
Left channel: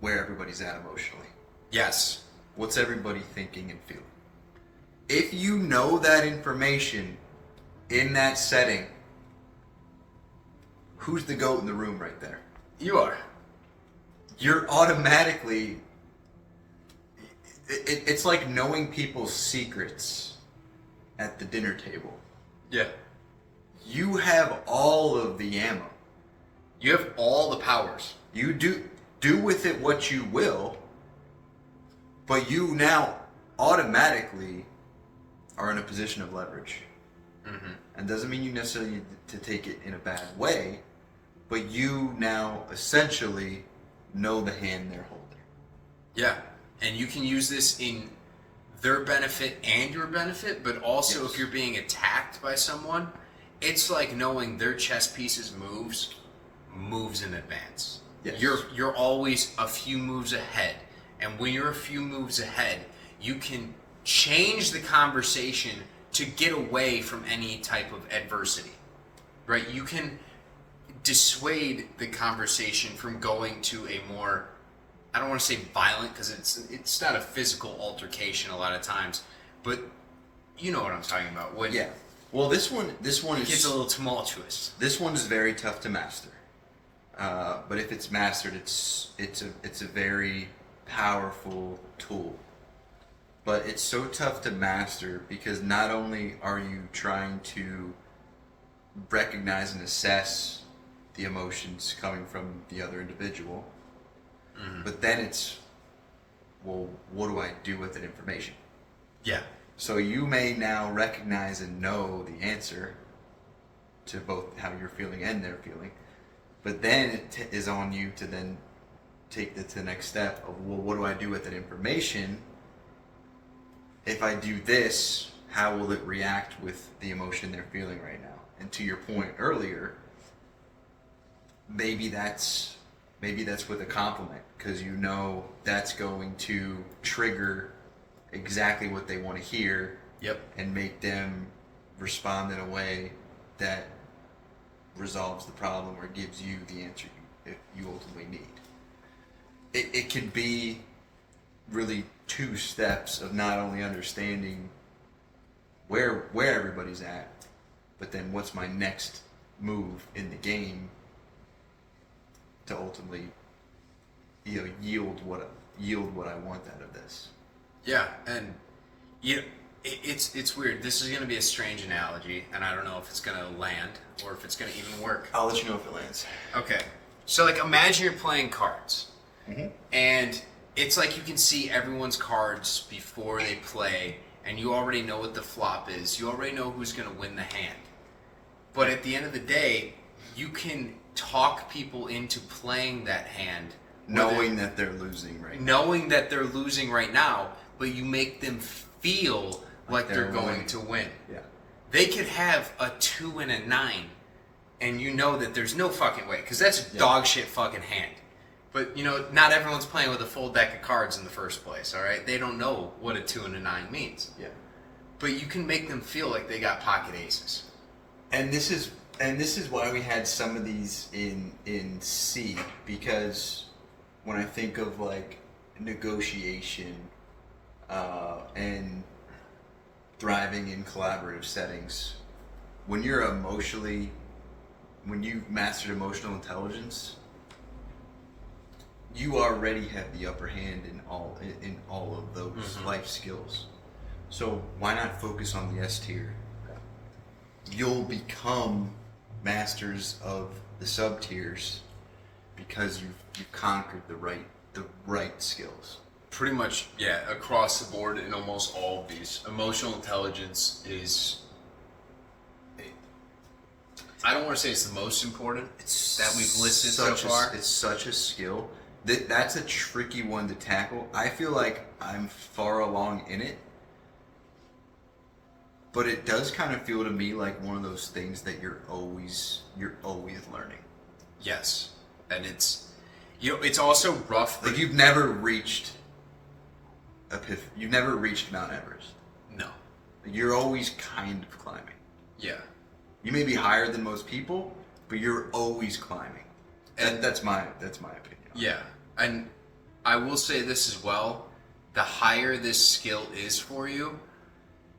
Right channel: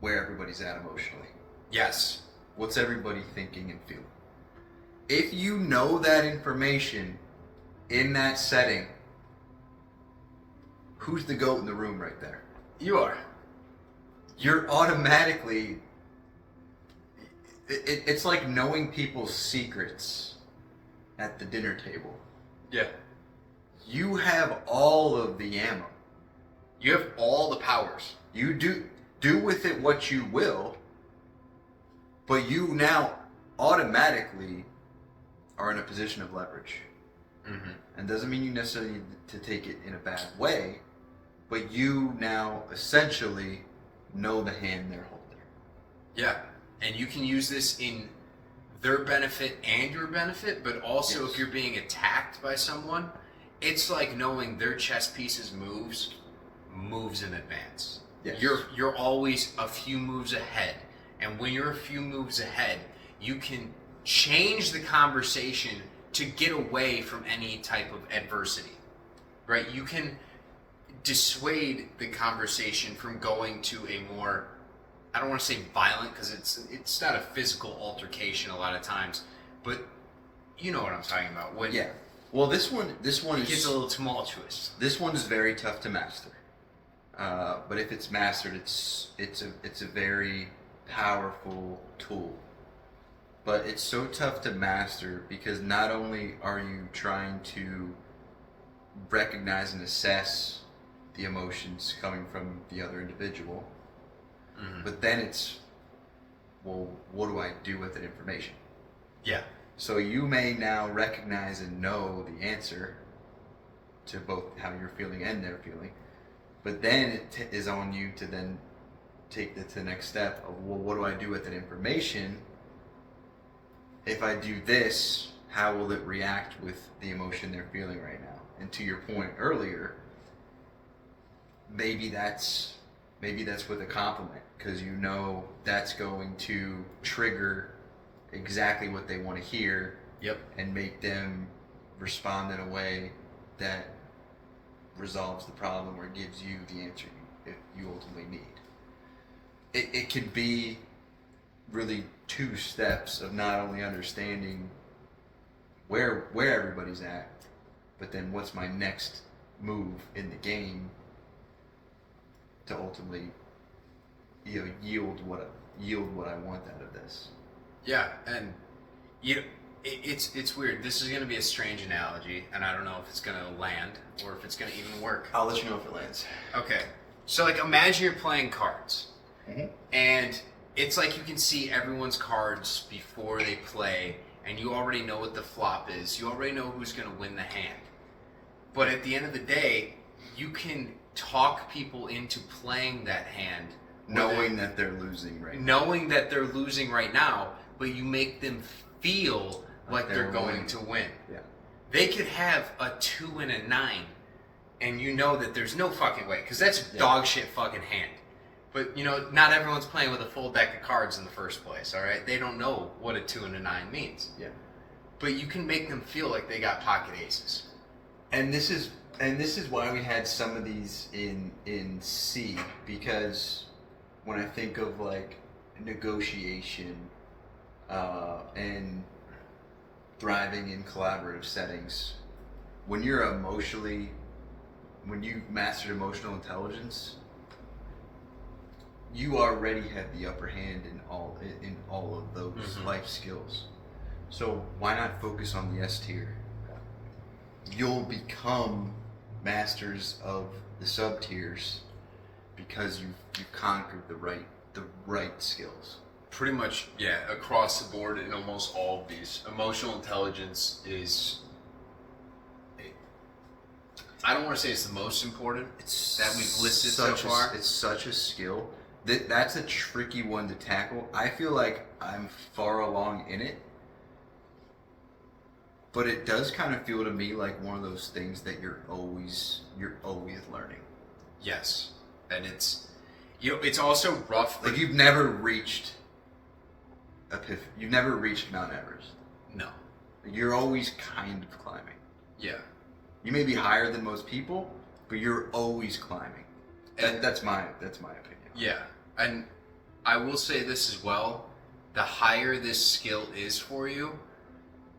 where everybody's at emotionally. Yes. What's everybody thinking and feeling? If you know that information in that setting, who's the GOAT in the room right there? You are. You're automatically... It's like knowing people's secrets at the dinner table. Yeah. you have all of the ammo. You have all the powers. You do with it what you will, but you now automatically are in a position of leverage. Mm-hmm. And doesn't mean you necessarily need to take it in a bad way, but you now essentially know the hand they're holding. Yeah, and you can use this in their benefit and your benefit, but also if you're being attacked by someone, it's like knowing their chess pieces moves in advance. Yes. You're always a few moves ahead, and when you're a few moves ahead, you can change the conversation to get away from any type of adversity, right? You can dissuade the conversation from going to a more, I don't want to say violent, because it's not a physical altercation a lot of times, but you know what I'm talking about. When Yeah. Well, this one it gets is a little tumultuous. This one is very tough to master. But if it's mastered, it's a very powerful tool. But it's so tough to master because not only are you trying to recognize and assess the emotions coming from the other individual, but then it's, well, what do I do with that information? Yeah. So you may now recognize and know the answer to both how you're feeling and they're feeling, but then it is on you to then take it to the next step of, well, what do I do with that information? If I do this, how will it react with the emotion they're feeling right now? And to your point earlier, maybe that's with a compliment, because you know that's going to trigger exactly what they want to hear. Yep. And make them respond in a way that resolves the problem or gives you the answer you ultimately need. It can be really two steps of not only understanding where everybody's at, but then what's my next move in the game to ultimately, yield what I want out of this. Yeah, and it's weird. This is going to be a strange analogy, and I don't know if it's going to land or if it's going to even work. I'll let you know if it lands. Okay, so like imagine you're playing cards, Mm-hmm. and it's like you can see everyone's cards before they play, and you already know what the flop is. You already know who's going to win the hand. But at the end of the day, you can talk people into playing that hand, Knowing that they're losing right now. knowing that they're losing right now, but you make them feel like they're going winning. to win. Yeah. They could have a 2 and a 9, and you know that there's no fucking way, because that's a dog shit fucking hand. But, not everyone's playing with a full deck of cards in the first place, all right? They don't know what a 2 and a 9 means. Yeah. But you can make them feel like they got pocket aces. And this is why we had some of these in C, because when I think of like negotiation and thriving in collaborative settings, when you mastered emotional intelligence, you already have the upper hand in all of those life skills. So why not focus on the S tier? You'll become masters of the sub tiers because you've conquered the right skills. Pretty much, yeah, across the board in almost all of these. Emotional intelligence is, I don't want to say it's the most important that we've listed so far. It's such a skill. That's a tricky one to tackle. I feel like I'm far along in it, but it does kind of feel to me like one of those things that you're always learning. Yes, and it's also rough. Like you've never reached Mount Everest. No. You're always kind of climbing. Yeah. You may be higher than most people, but you're always climbing. And that's my opinion. Yeah, and I will say this as well: the higher this skill is for you,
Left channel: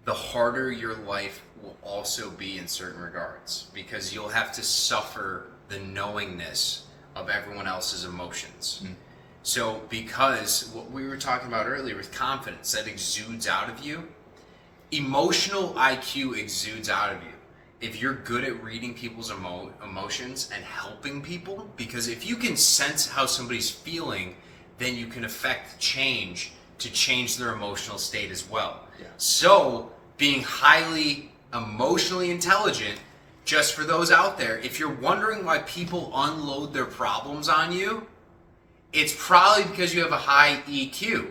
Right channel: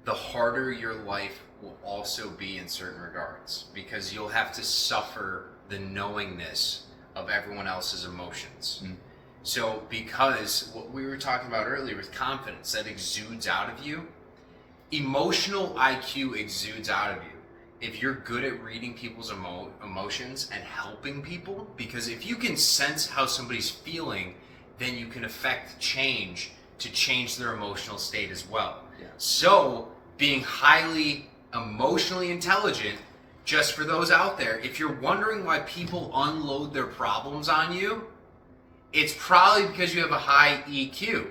the harder your life will also be in certain regards, because you'll have to suffer the knowingness of everyone else's emotions. So because what we were talking about earlier with confidence that exudes out of you, emotional IQ exudes out of you. if you're good at reading people's emotions and helping people, because if you can sense how somebody's feeling, then you can affect change to change their emotional state as well. Yeah. So being highly emotionally intelligent, just for those out there, if you're wondering why people unload their problems on you, it's probably because you have a high EQ,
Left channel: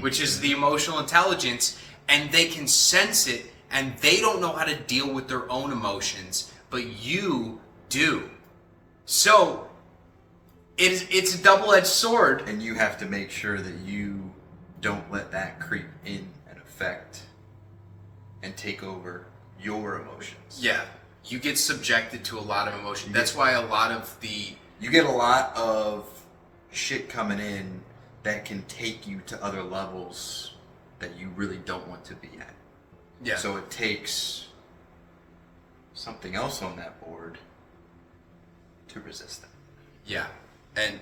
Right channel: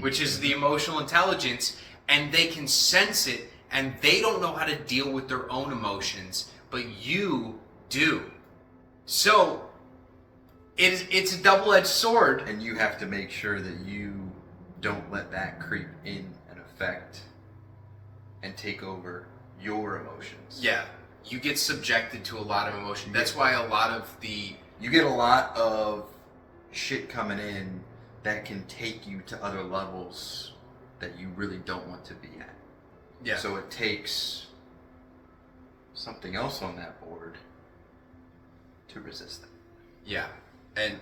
which is the emotional intelligence, and they can sense it, and they don't know how to deal with their own emotions, but you do. So it's a double-edged sword. And you have to make sure that you don't let that creep in and affect and take over your emotions. Yeah, you get subjected to a lot of emotion. That's why a lot of you get a lot of shit coming in that can take you to other levels that you really don't want to be at. Yeah. So it takes something else on that board to resist it. Yeah, and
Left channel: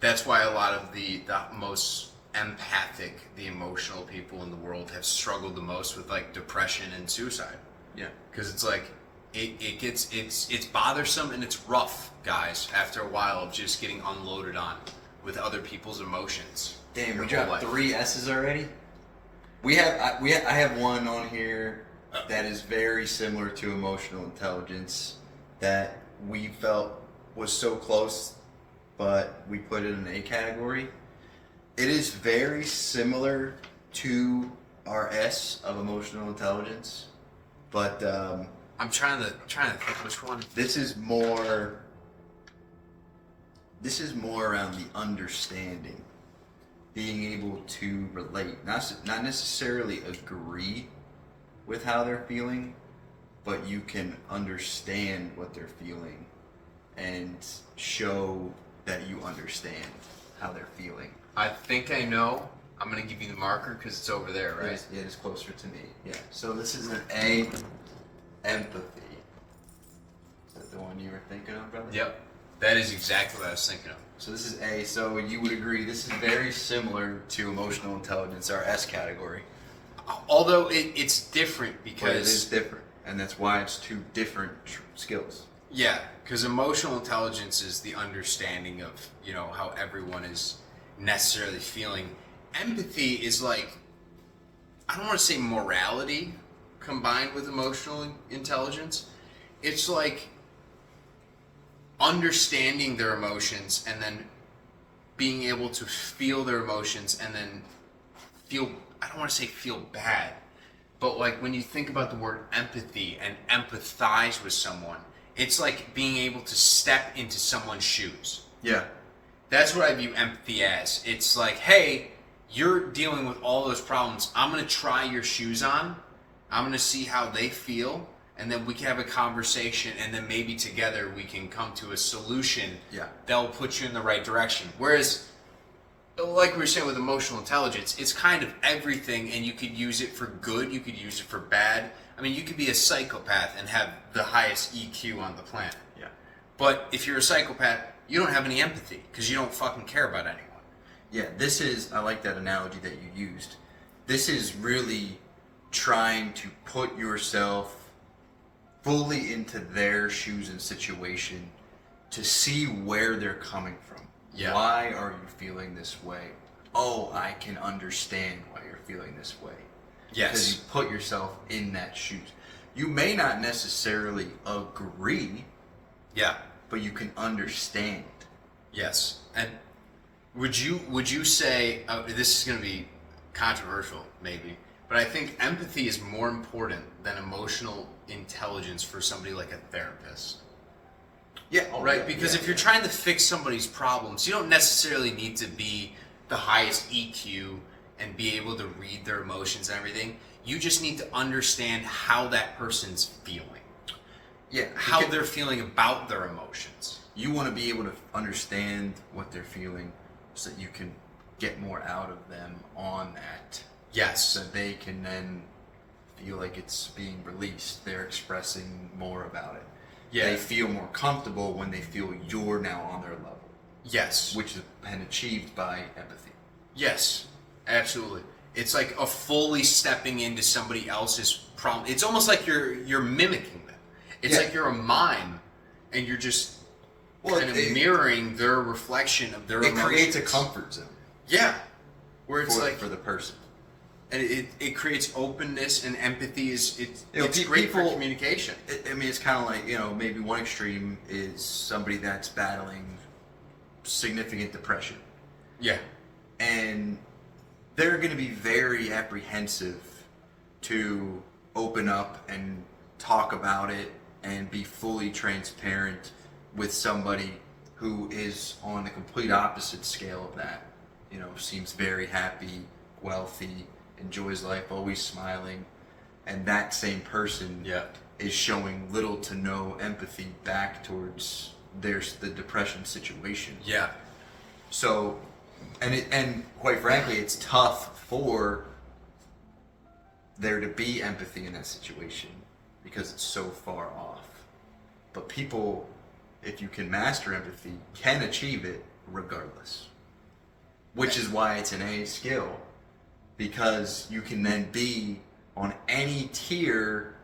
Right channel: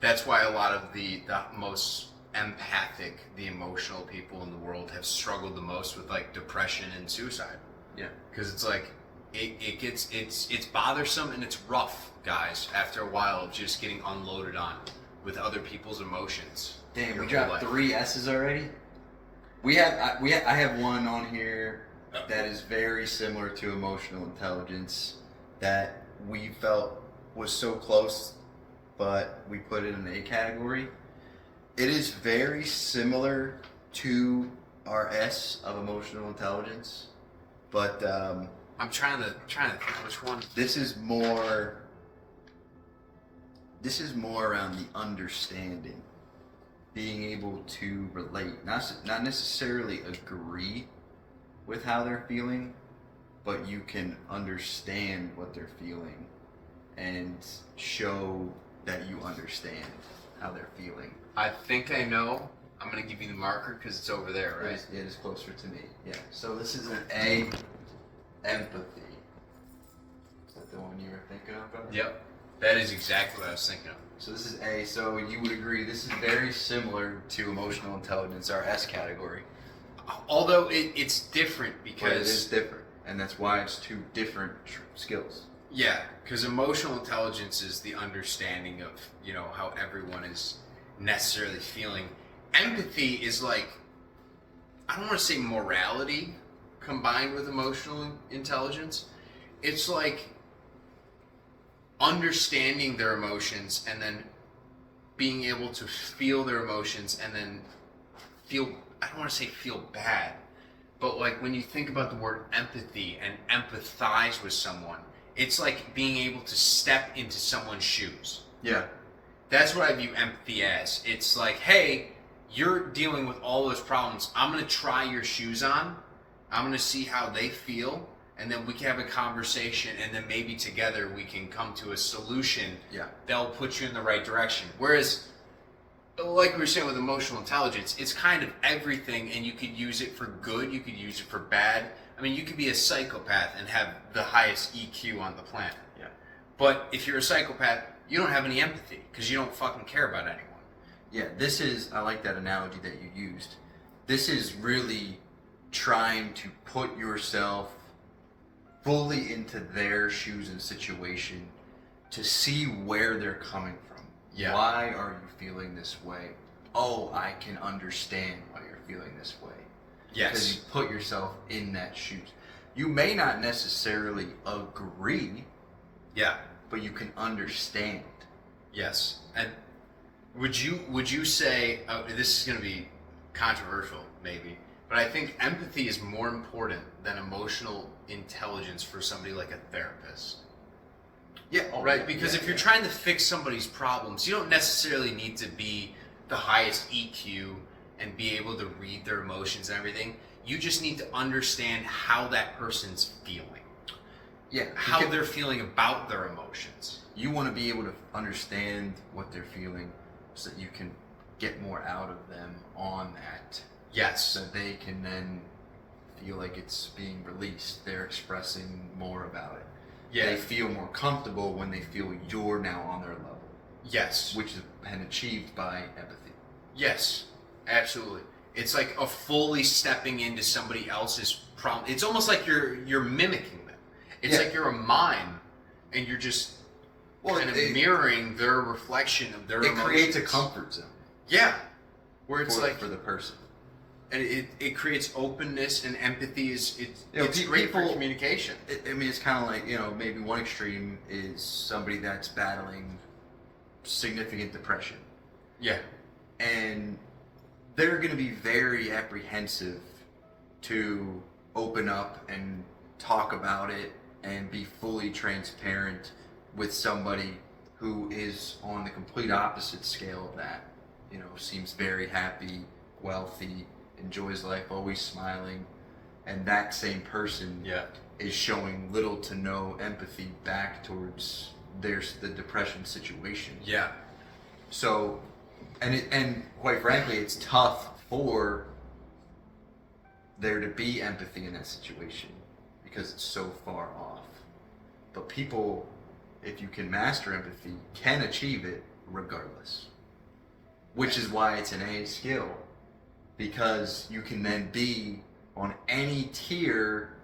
that's why a lot of the most empathic, the emotional people in the world have struggled the most with like depression and suicide. Yeah. Because it's like it's bothersome and it's rough, guys, after a while of just getting unloaded on with other people's emotions. Damn, your we whole dropped life. 3 S's already. I have one on here that is very similar to emotional intelligence that we felt was so close, but we put it in an A category. It is very similar to our S of emotional intelligence, but I'm trying to think which one. this is more around the understanding, being able to relate, not necessarily agree with how they're feeling, but you can understand what they're feeling and show that you understand how they're feeling. I think I know. I'm gonna give you the marker because it's over there, right? It is closer to me. Yeah. So this is an A, empathy. Is that the one you were thinking of, brother? Yep. That is exactly what I was thinking of. So this is A. So you would agree this is very similar to emotional intelligence, our S category. Although it's different But it because is different, and that's why it's 2 different skills. yeah, because emotional intelligence is the understanding of, how everyone is necessarily feeling. Empathy is like, I don't want to say morality combined with emotional intelligence. It's like understanding their emotions and then being able to feel their emotions and then feel, I don't want to say feel bad, but like when you think about the word empathy and empathize with someone, it's like being able to step into someone's shoes. Yeah. That's what I view empathy as. It's like, hey, you're dealing with all those problems. I'm going to try your shoes on. I'm going to see how they feel. And then we can have a conversation. And then maybe together we can come to a solution that will put you in the right direction. Whereas, like we were saying with emotional intelligence, it's kind of everything. And you could use it for good. You could use it for bad. I mean, you could be a psychopath and have the highest EQ on the planet. Yeah. But if you're a psychopath, you don't have any empathy because you don't fucking care about anyone. Yeah, I like that analogy that you used. This is really trying to put yourself fully into their shoes and situation to see where they're coming from. Yeah. Why are you feeling this way? Oh, I can understand why you're feeling this way. Yes. Because you put yourself in that shoes. You may not necessarily agree, Yeah. but you can understand. Yes. And would you say this is going to be controversial maybe, but I think empathy is more important than emotional intelligence for somebody like a therapist. Yeah. Right? Yeah, Because if you're trying to fix somebody's problems, you don't necessarily need to be the highest EQ and be able to read their emotions and everything. You just need to understand how that person's feeling. Yeah. How they're feeling about their emotions. You want to be able to understand what they're feeling so that you can get more out of them on that. Yes. So they can then feel like it's being released. They're expressing more about it. Yeah. They feel more comfortable when they feel you're now on their level. Yes. Which has been achieved by empathy. Yes. Absolutely. It's like a fully stepping into somebody else's problem. It's almost like you're mimicking them. It's like you're a mime, and you're just kind of mirroring their reflection of their emotions. It creates a comfort zone. Yeah, where it's for the person. And it creates openness and empathy. It's great for communication. It's kind of like, maybe one extreme is somebody that's battling significant depression. Yeah. And they're going to be very apprehensive to open up and talk about it and be fully transparent with somebody who is on the complete opposite scale of that. Seems very happy, wealthy, enjoys life, always smiling, and that same person is showing little to no empathy back towards the depression situation. Yeah. So, and quite frankly, it's tough for there to be empathy in that situation because it's so far off. But people, if you can master empathy, can achieve it regardless. Which is why it's an A skill. Because you can then be on any tier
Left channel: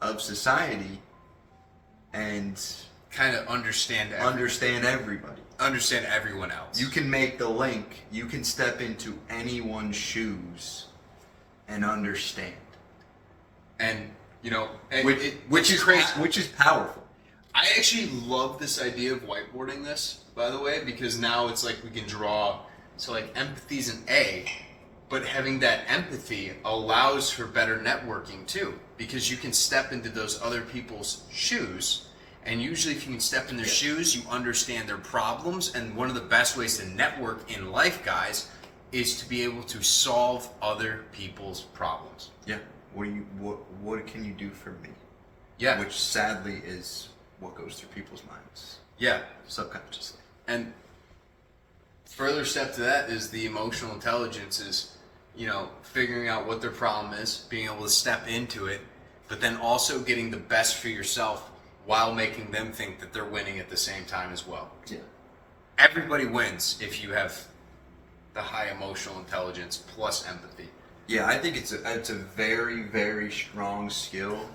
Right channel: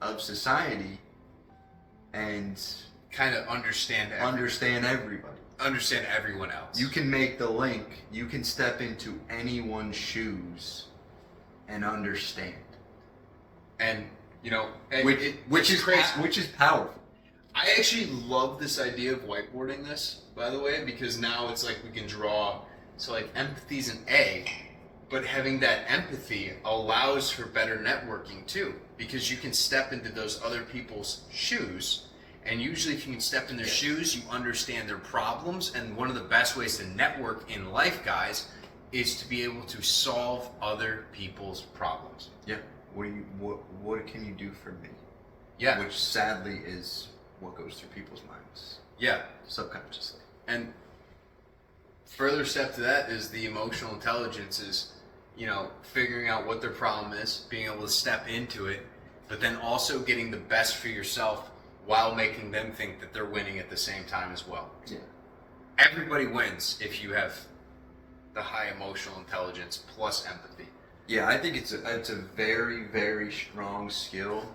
of society and kind of understand everybody. Understand everyone else. You can make the link. You can step into anyone's shoes and understand. And which is powerful. I actually love this idea of whiteboarding this, by the way, because now it's like we can draw. So like empathy's an A. But having that empathy allows for better networking too, because you can step into those other people's shoes, and usually if you can step in their shoes, you understand their problems, and one of the best ways to network in life, guys, is to be able to solve other people's problems. Yeah. What can you do for me? Yeah. Which sadly is what goes through people's minds. Yeah. Subconsciously. And further step to that is the emotional intelligence is, figuring out what their problem is, being able to step into it, but then also getting the best for yourself while making them think that they're winning at the same time as well. Yeah. Everybody wins if you have the high emotional intelligence plus empathy. Yeah, I think it's a very, very strong skill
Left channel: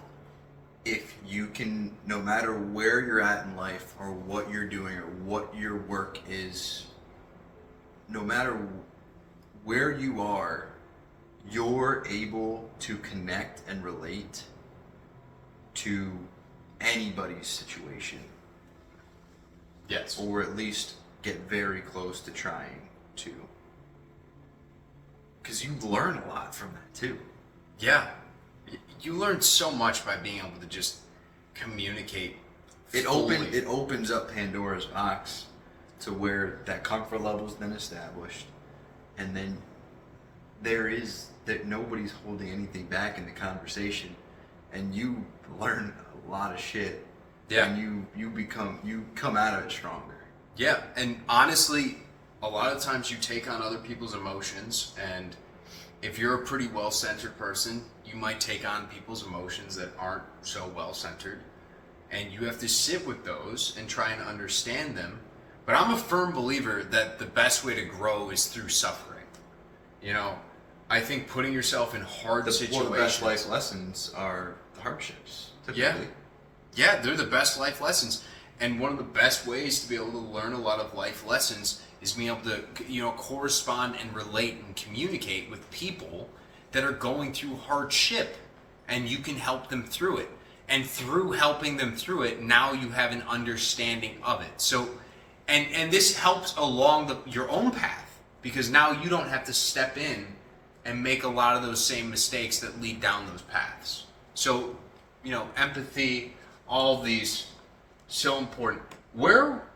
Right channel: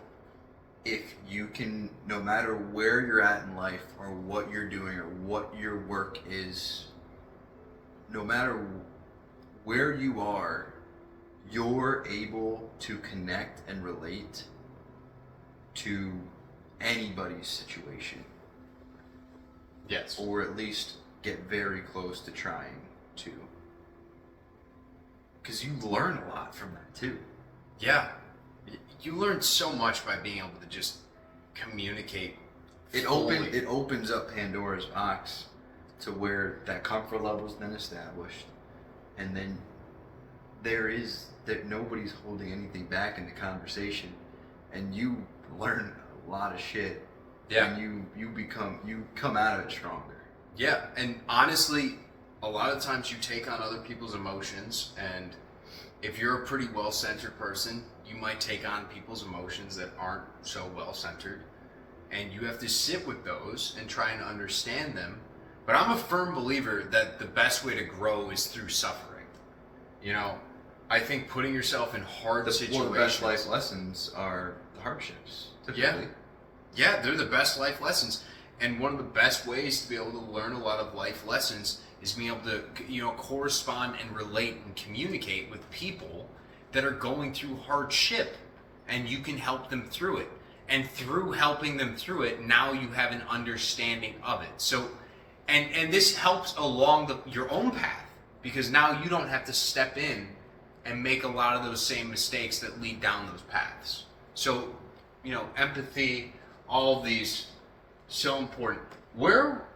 if you can, no matter where you're at in life or what you're doing or what your work is, no matter where you are, you're able to connect and relate to anybody's situation. Yes. Or at least get very close to trying to. Because you learn a lot from that too. Yeah. You learn so much by being able to just communicate. It opens up Pandora's box to where that comfort level's been established, and then there is that nobody's holding anything back in the conversation, and you learn a lot of shit. Yeah. And you come out of it stronger. Yeah, and honestly, a lot of times you take on other people's emotions, and if you're a pretty well-centered person, you might take on people's emotions that aren't so well-centered, and you have to sit with those and try and understand them. But I'm a firm believer that the best way to grow is through suffering. I think putting yourself in hard situations. One of the best life lessons are the hardships, typically. Yeah, they're the best life lessons. And one of the best ways to be able to learn a lot of life lessons is being able to, correspond and relate and communicate with people that are going through hardship, and you can help them through it. And through helping them through it, now you have an understanding of it. So, and this helps along your own path, because now you don't have to step in and make a lot of those same mistakes that lead down those paths. So, empathy, all of these, so important.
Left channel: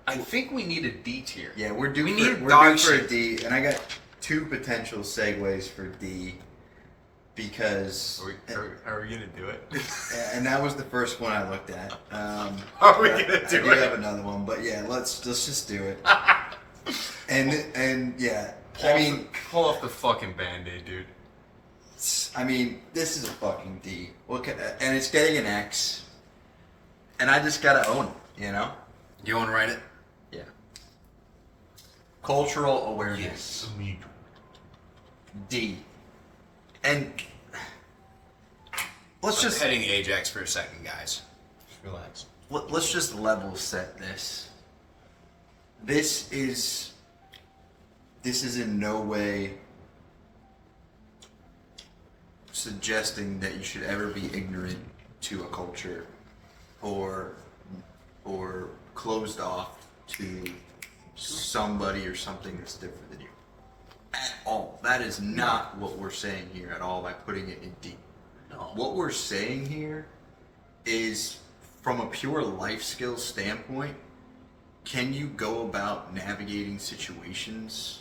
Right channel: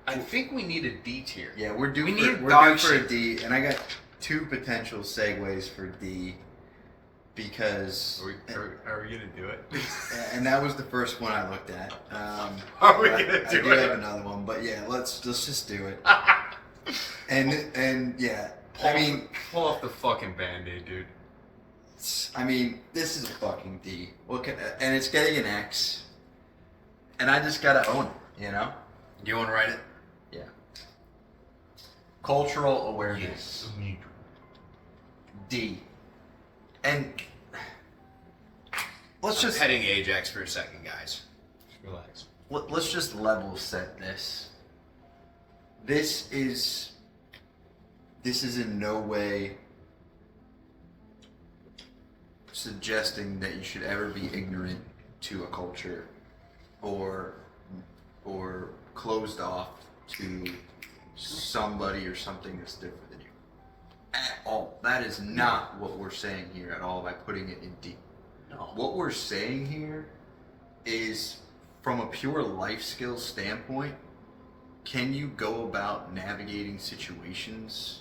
I think we need a D tier. Yeah, we're due for a D, and I got two potential segues for D, because... Are we going to do it? And that was the first one I looked at. Are we going to do it? I do have another one, but yeah, let's just do it. and yeah, pull off the fucking Band-Aid, dude. This is a fucking D. And it's getting an X, and I just gotta own it, You want to write it? Yeah. Cultural awareness. D. And let's just heading Ajax for a second, guys. Just relax. let's just level set this. This is in no way suggesting that you should ever be ignorant to a culture or closed off to somebody or something that's different than you. At all. That is not what we're saying here at all by putting it in deep. No. What we're saying here is from a pure life skills standpoint, can you go about navigating situations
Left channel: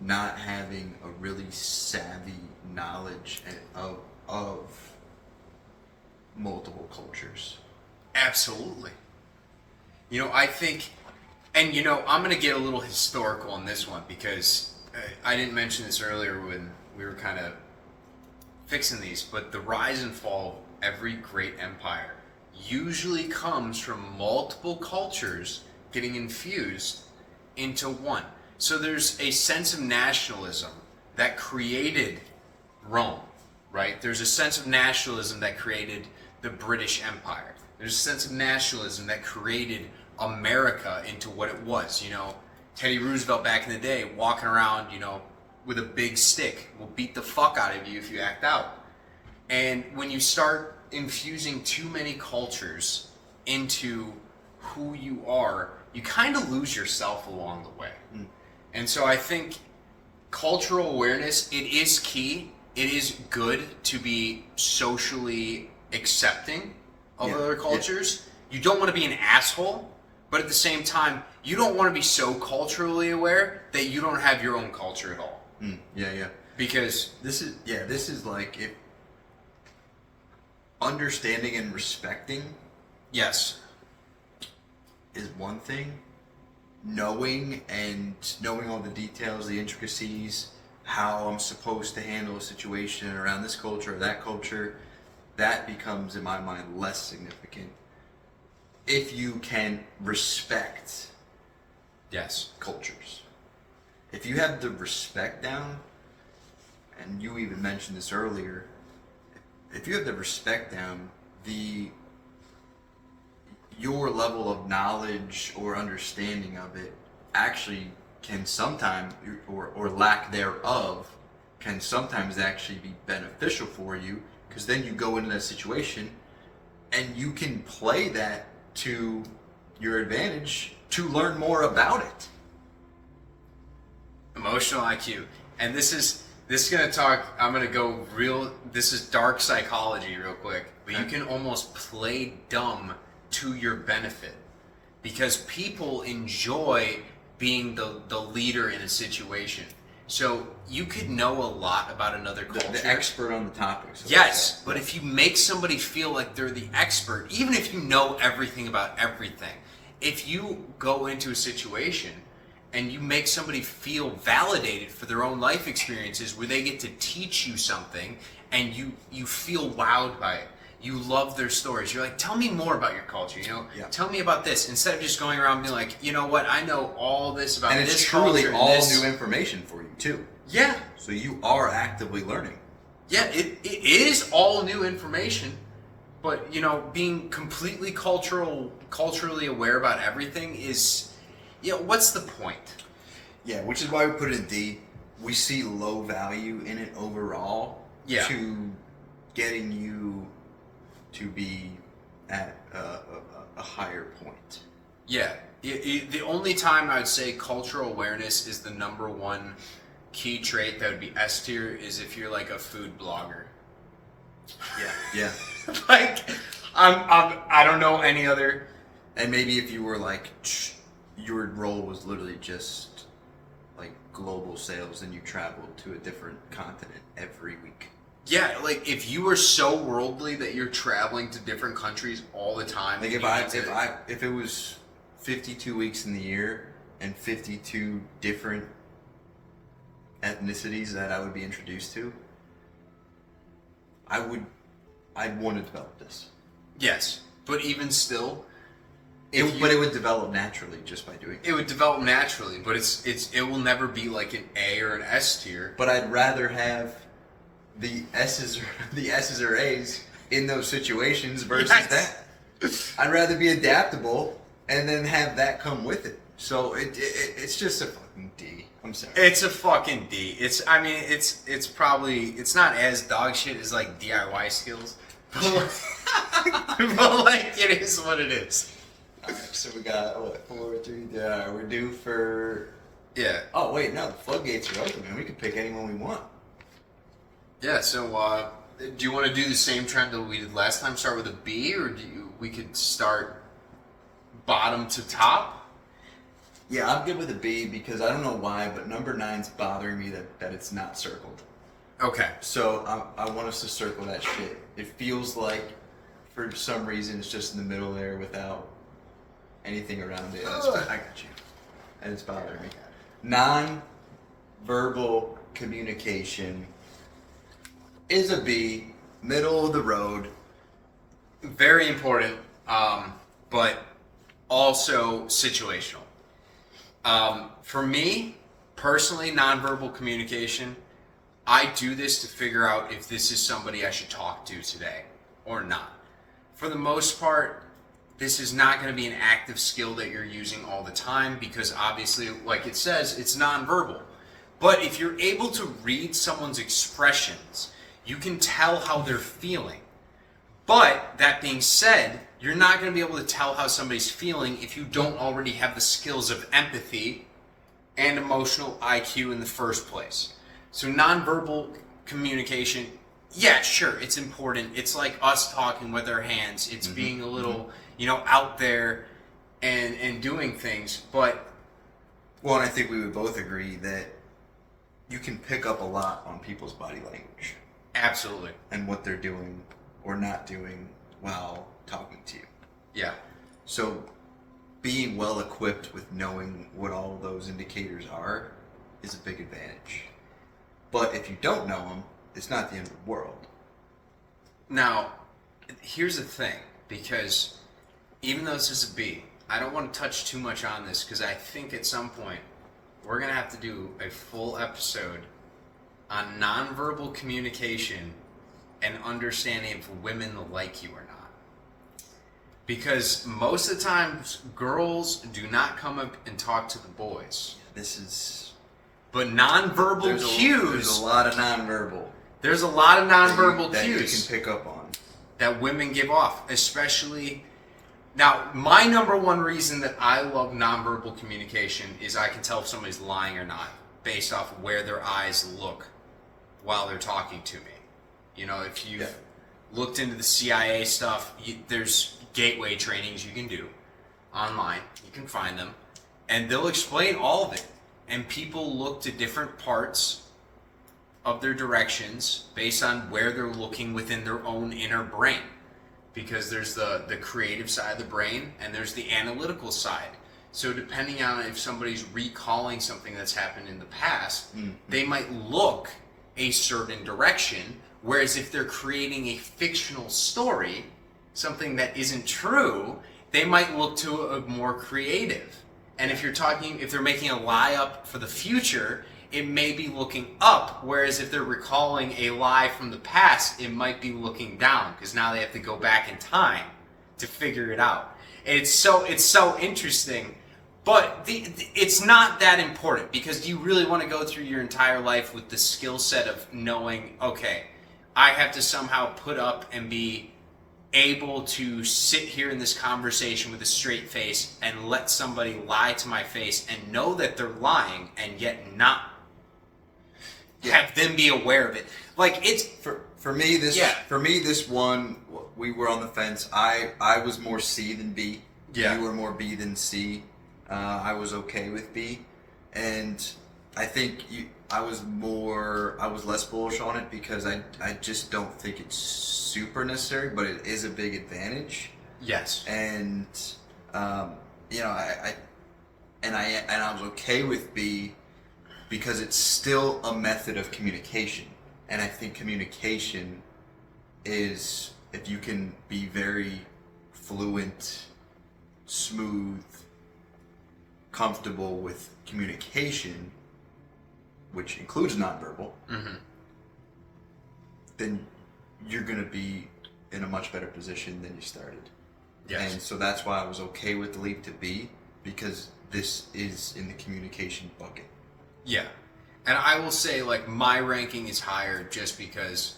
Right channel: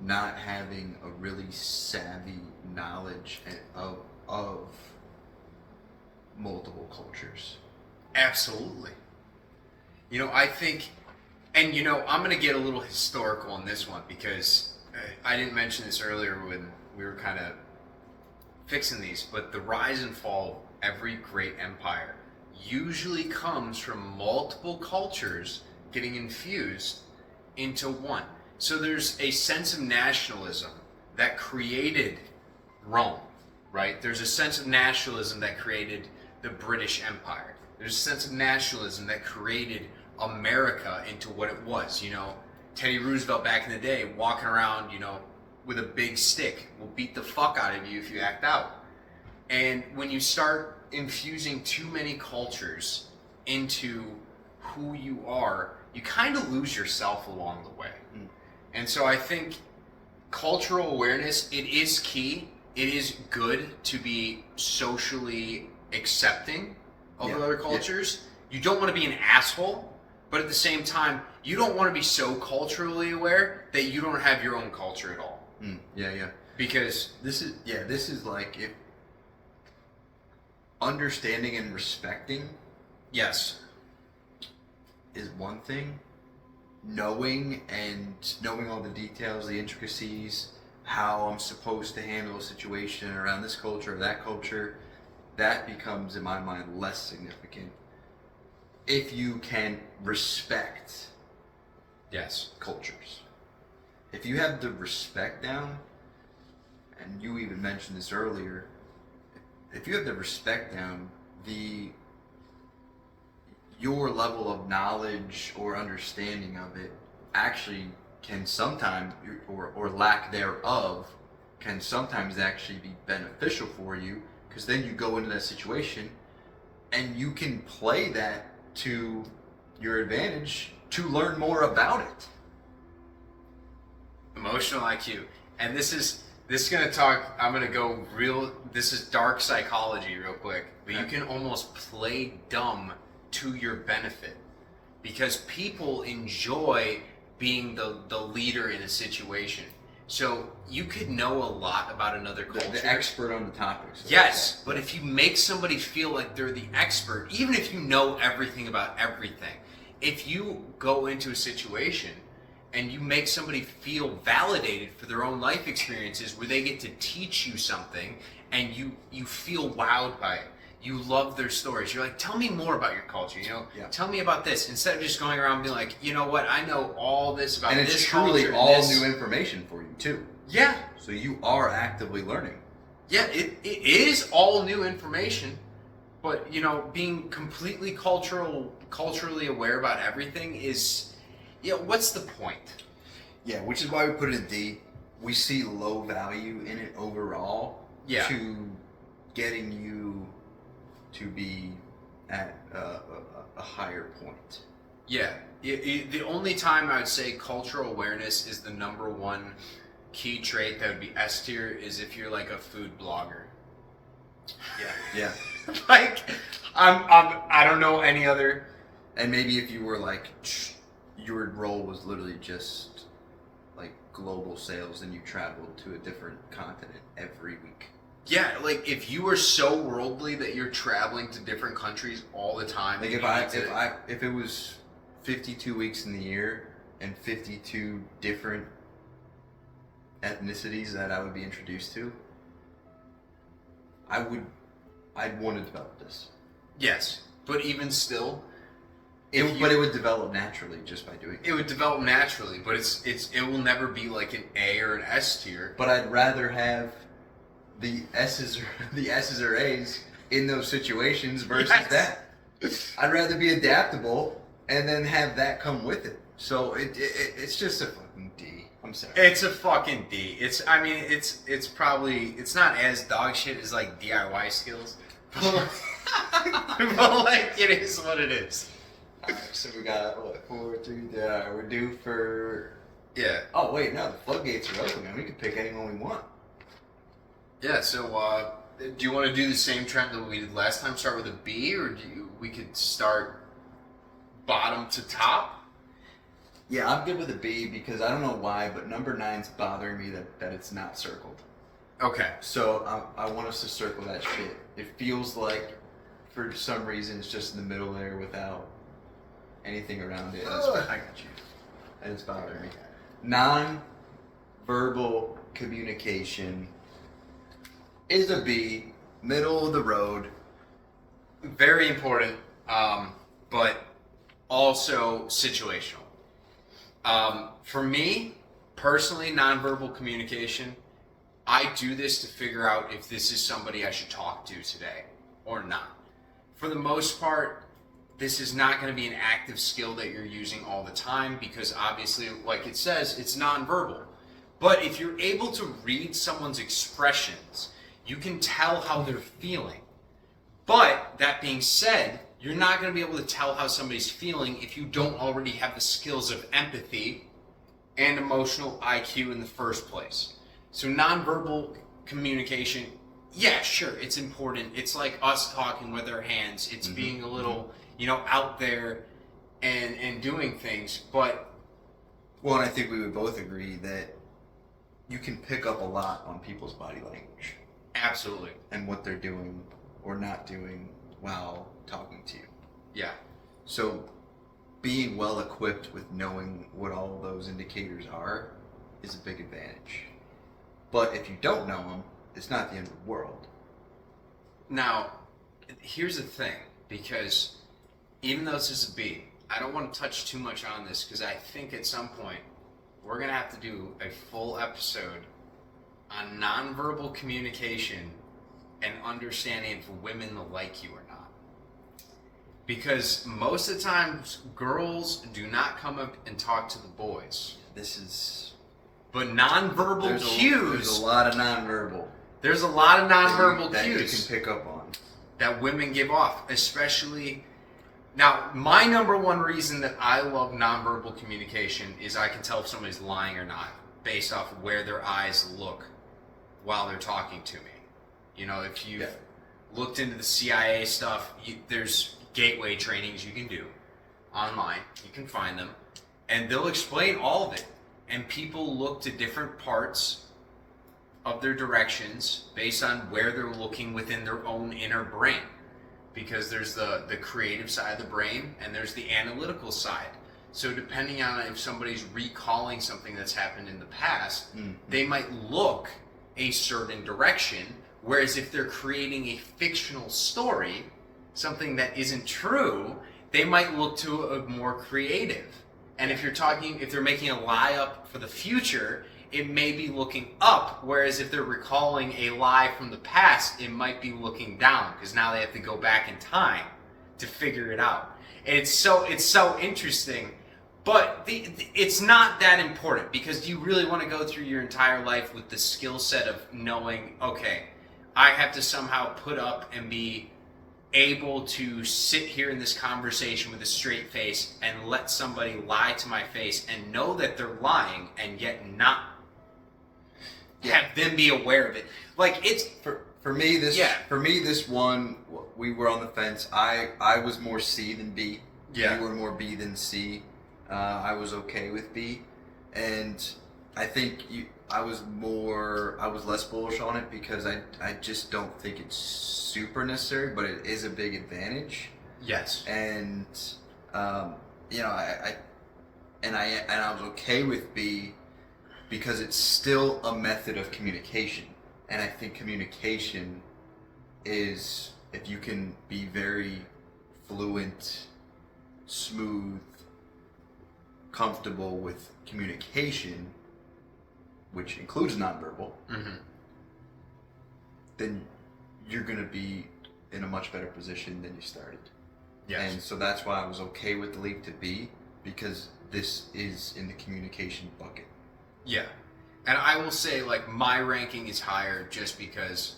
not having a really savvy knowledge of multiple cultures? Absolutely. You know, I think, and you know, I'm going to get a little historical on this one because I didn't mention this earlier when we were kind of fixing these, but the rise and fall of every great empire usually comes from multiple cultures getting infused into one. So there's a sense of nationalism that created Rome, right? There's a sense of nationalism that created the British Empire. There's a sense of nationalism that created America into what it was. You know, Teddy Roosevelt back in the day walking around, you know, with a big stick will beat the fuck out of you if you act out. And when you start infusing too many cultures into who you are, you kind of lose yourself along the way. And so I think cultural awareness, it is key. It is good to be socially accepting of other cultures. You don't want to be an asshole, but at the same time, you don't want to be so culturally aware that you don't have your own culture at all. Because this is like if understanding and respecting yes, is one thing. Knowing all the details, the intricacies, how I'm supposed to handle a situation around this culture or that culture, that becomes, in my mind, less significant. If you can respect cultures. If you have the respect down, and you even mentioned this earlier, if you have the respect down, your level of knowledge or understanding of it actually can sometimes, or lack thereof, can sometimes actually be beneficial for you, because then you go into that situation and you can play that to your advantage to learn more about it. emotional IQ. And this is gonna talk. I'm gonna go real. This is dark psychology, real quick. But you can almost play dumb to your benefit, because people enjoy being the leader in a situation. So you could know a lot about another culture. The expert on the topic. So yes, but if you make somebody feel like they're the expert, even if you know everything about everything, if you go into a situation and you make somebody feel validated for their own life experiences where they get to teach you something and you feel wowed by it. You love their stories. You're like, tell me more about your culture, Tell me about this. Instead of just going around being like, you know what, I know all this about this culture. And it's truly all new information for you, too. Yeah. So you are actively learning. Yeah, it is all new information, but, being completely culturally aware about everything is, what's the point? Yeah, which is why we put it in D. We see low value in it overall to getting you to be at a higher point. Yeah. The only time I would say cultural awareness is the number one key trait that would be S tier is if you're like a food blogger. Yeah. Like, I don't know any other. And maybe if you were like, your role was literally just like global sales and you traveled to a different continent every week. Yeah, like if you were so worldly that you're traveling to different countries all the time. Like if it was 52 weeks in the year and 52 different ethnicities that I would be introduced to, I'd want to develop this. Yes, but even still, it would develop naturally just by doing it. It would develop naturally, but it will never be like an A or an S tier. But I'd rather have the S's or A's in those situations versus Yes. that. I'd rather be adaptable and then have that come with it. So it's just a fucking D. I'm sorry. It's a fucking D. It's probably, it's not as dog shit as like DIY skills. But like, it is what it is. Alright, so we got, what, 4, 3, we're due for... Yeah. Oh, wait, no, the floodgates are open, man. We can pick anyone we want. Yeah, so do you want to do the same trend that we did last time? Start with a B, or we could start bottom to top? Yeah, I'm good with a B because I don't know why, but number 9's bothering me that it's not circled. Okay. So I want us to circle that shit. It feels like, for some reason, it's just in the middle there without anything around it. I got you. And it's bothering me. Non-verbal communication is a B, middle of the road. Very important, but also situational. For me, personally, nonverbal communication, I do this to figure out if this is somebody I should talk to today or not. For the most part, this is not going to be an active skill that you're using all the time because obviously, like it says, it's nonverbal. But if you're able to read someone's expressions, you can tell how they're feeling. But that being said, you're not going to be able to tell how somebody's feeling if you don't already have the skills of empathy and emotional IQ in the first place. So nonverbal communication, yeah, sure, it's important. It's like us talking with our hands. It's being a little, out there and doing things. But Well, and I think we would both agree that you can pick up a lot on people's body language absolutely, and what they're doing or not doing while talking to you. yeah. So being well equipped with knowing what all those indicators are is a big advantage. But if you don't know them, it's not the end of the world. Now, here's the thing, because even though this is a B, I don't want to touch too much on this because I think at some point we're going to have to do a full episode on nonverbal communication and understanding if women like you or not. Because most of the times, girls do not come up and talk to the boys. This is... But nonverbal cues... There's a lot of nonverbal. There's a lot of nonverbal that cues you can pick up on. that women give off, especially... Now, my number one reason that I love nonverbal communication is I can tell if somebody's lying or not based off of where their eyes look while they're talking to me. If you've looked into the CIA stuff, there's gateway trainings you can do online. You can find them. And they'll explain all of it. And people look to different parts of their directions based on where they're looking within their own inner brain. Because there's the creative side of the brain and there's the analytical side. So depending on if somebody's recalling something that's happened in the past, they might look a certain direction. Whereas if they're creating a fictional story, something that isn't true, they might look to a more creative. And if they're making a lie up for the future, it may be looking up, whereas if they're recalling a lie from the past, it might be looking down, because now they have to go back in time to figure it out. And it's so interesting, but it's not that important, because do you really want to go through your entire life with the skill set of knowing, okay, I have to somehow put up and be able to sit here in this conversation with a straight face and let somebody lie to my face and know that they're lying and yet not have them be aware of it. Like, it's for me this one, we were on the fence. I was more C than B. Yeah. You were more B than C. I was okay with B, and I think I was less bullish on it because I just don't think it's super necessary, but it is a big advantage. yes. And I was okay with B because it's still a method of communication, and I think communication is, if you can be very fluent, smooth, comfortable with communication, which includes nonverbal, then you're going to be in a much better position than you started. Yes. And so that's why I was okay with the leap to B, because this is in the communication bucket. Yeah. And I will say, like, my ranking is higher just because,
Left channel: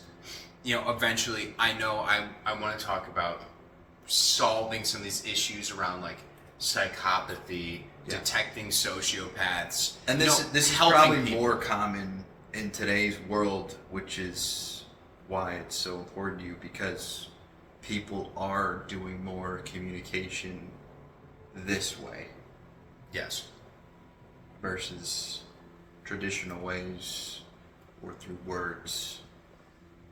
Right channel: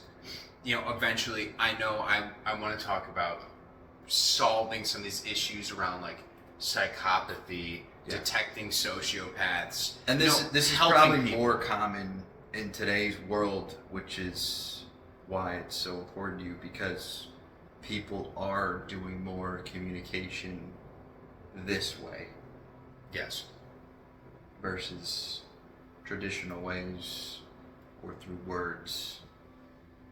you know, eventually I know I want to talk about solving some of these issues around, like, psychopathy, detecting sociopaths. And this is helping probably people. more common in today's world, which is why it's so important to you, because people are doing more communication this way. Yes. Versus traditional ways or through words.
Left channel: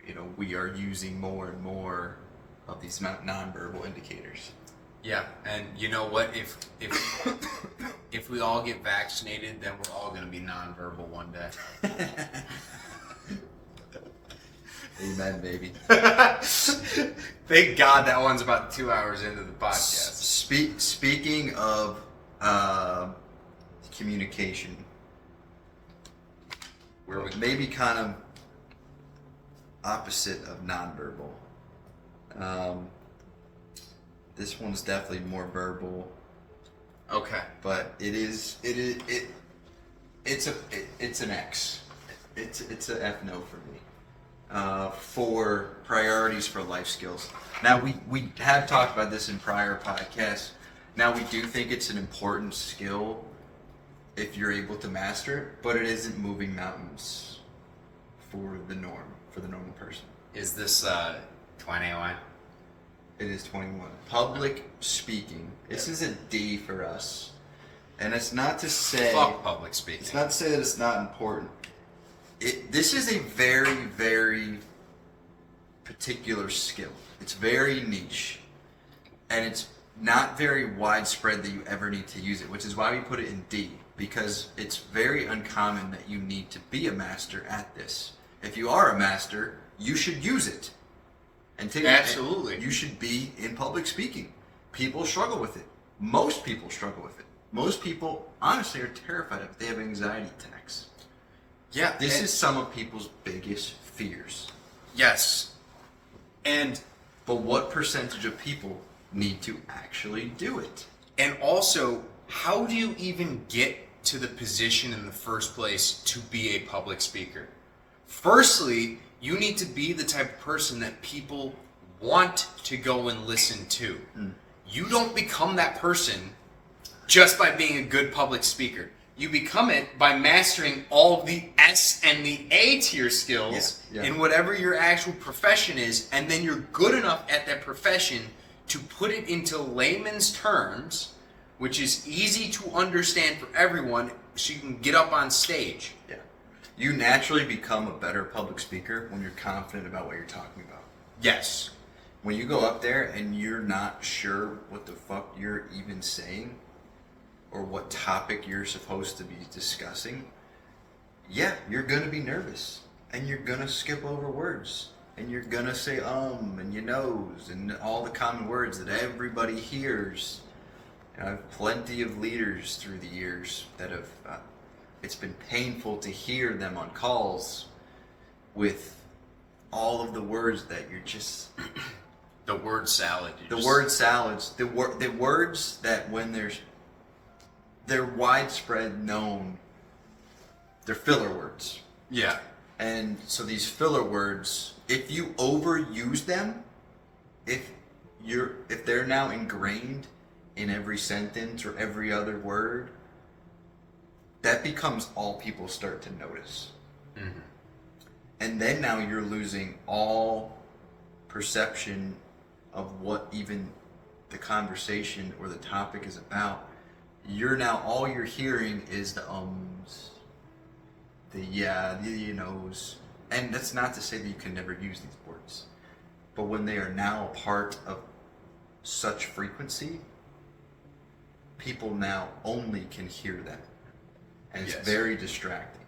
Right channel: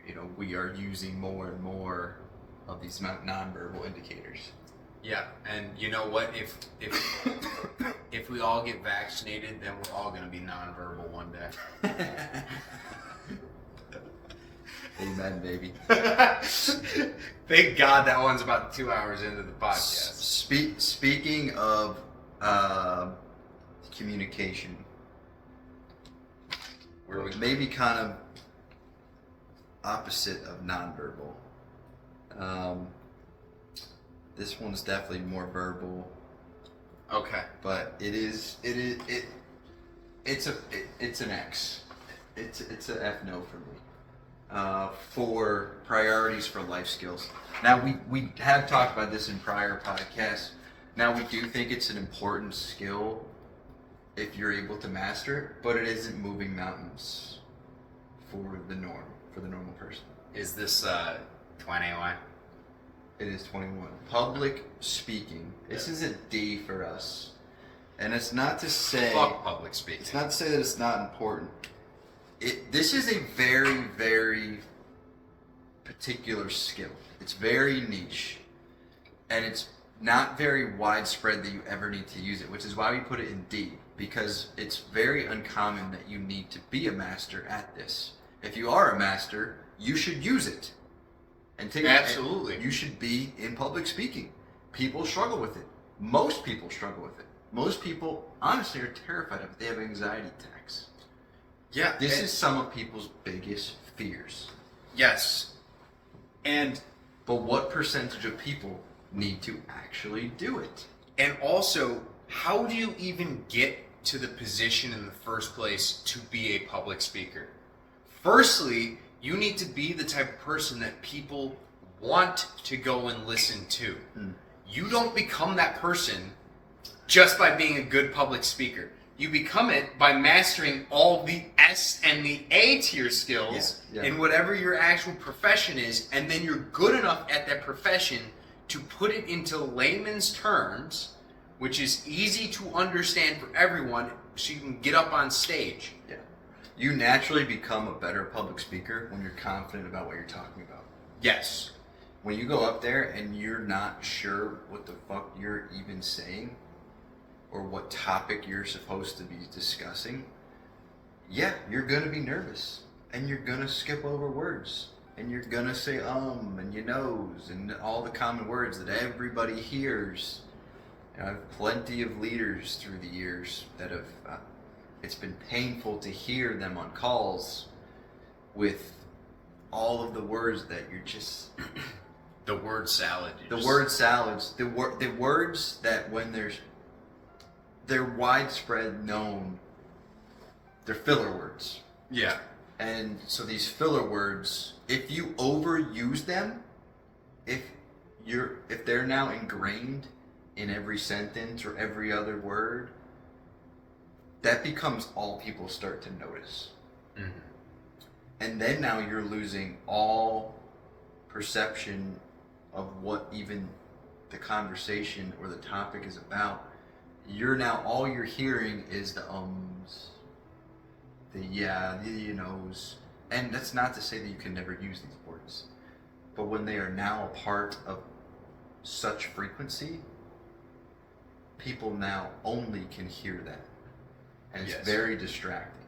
You know, we are using more and more of these nonverbal indicators. Yeah, and you know what? If we all get vaccinated, then we're all going to be nonverbal one day. Amen, baby. Thank God that one's about 2 hours into the podcast. Speaking of communication, Where we maybe kind of opposite of nonverbal. This one's definitely more verbal. Okay. But it's an X. It's a F no for me. For priorities for life skills. Now we have talked about this in prior podcasts. Now we do think it's an important skill if you're able to master it, but it isn't moving mountains for the normal person. Is this 21? It is 21. Public speaking. This is a D for us. And it's not to say... Fuck public speaking. It's not to say that it's not important. This is a very, very particular skill. It's very niche. And it's not very widespread that you ever need to use it, which is why we put it in D. Because it's very uncommon that you need to be a master at this. If you are a master, you should use it. And Absolutely. You should be in public speaking. People struggle with it. Most people struggle with it. Most people, honestly, are terrified of it. They have anxiety attacks. Yeah. This is some of people's biggest fears. Yes. But what percentage of people need to actually do it? And also, how do you even get to the position in the first place to be a public speaker? Firstly, you need to be the type of person that people want to go and listen to. You don't become that person just by being a good public speaker. You become it by mastering all the S and the A tier skills in whatever your actual profession is, and then you're good enough at that profession to put it into layman's terms, which is easy to understand for everyone, so you can get up on stage. Yeah. You naturally become a better public speaker when you're confident about what you're talking about. Yes. When you go up there and you're not sure what the fuck you're even saying or what topic you're supposed to be discussing, yeah, you're going to be nervous and you're going to skip over words and you're going to say and you knows and all the common words that everybody hears. And I have plenty of leaders through the years that have it's been painful to hear them on calls with all of the words that you're just... The word salad. Word salads. The words that when they're widespread known, they're filler words. Yeah. And so these filler words, if you overuse them, if they're now ingrained in every sentence or every other word, that becomes all people start to notice. Mm-hmm. And then now you're losing all perception of what even the conversation or the topic is about. All you're hearing is the ums, the yeah, the you knows. And that's not to say that you can never use these words. But when they are now a part of such frequency, people now only can hear that. And it's very distracting.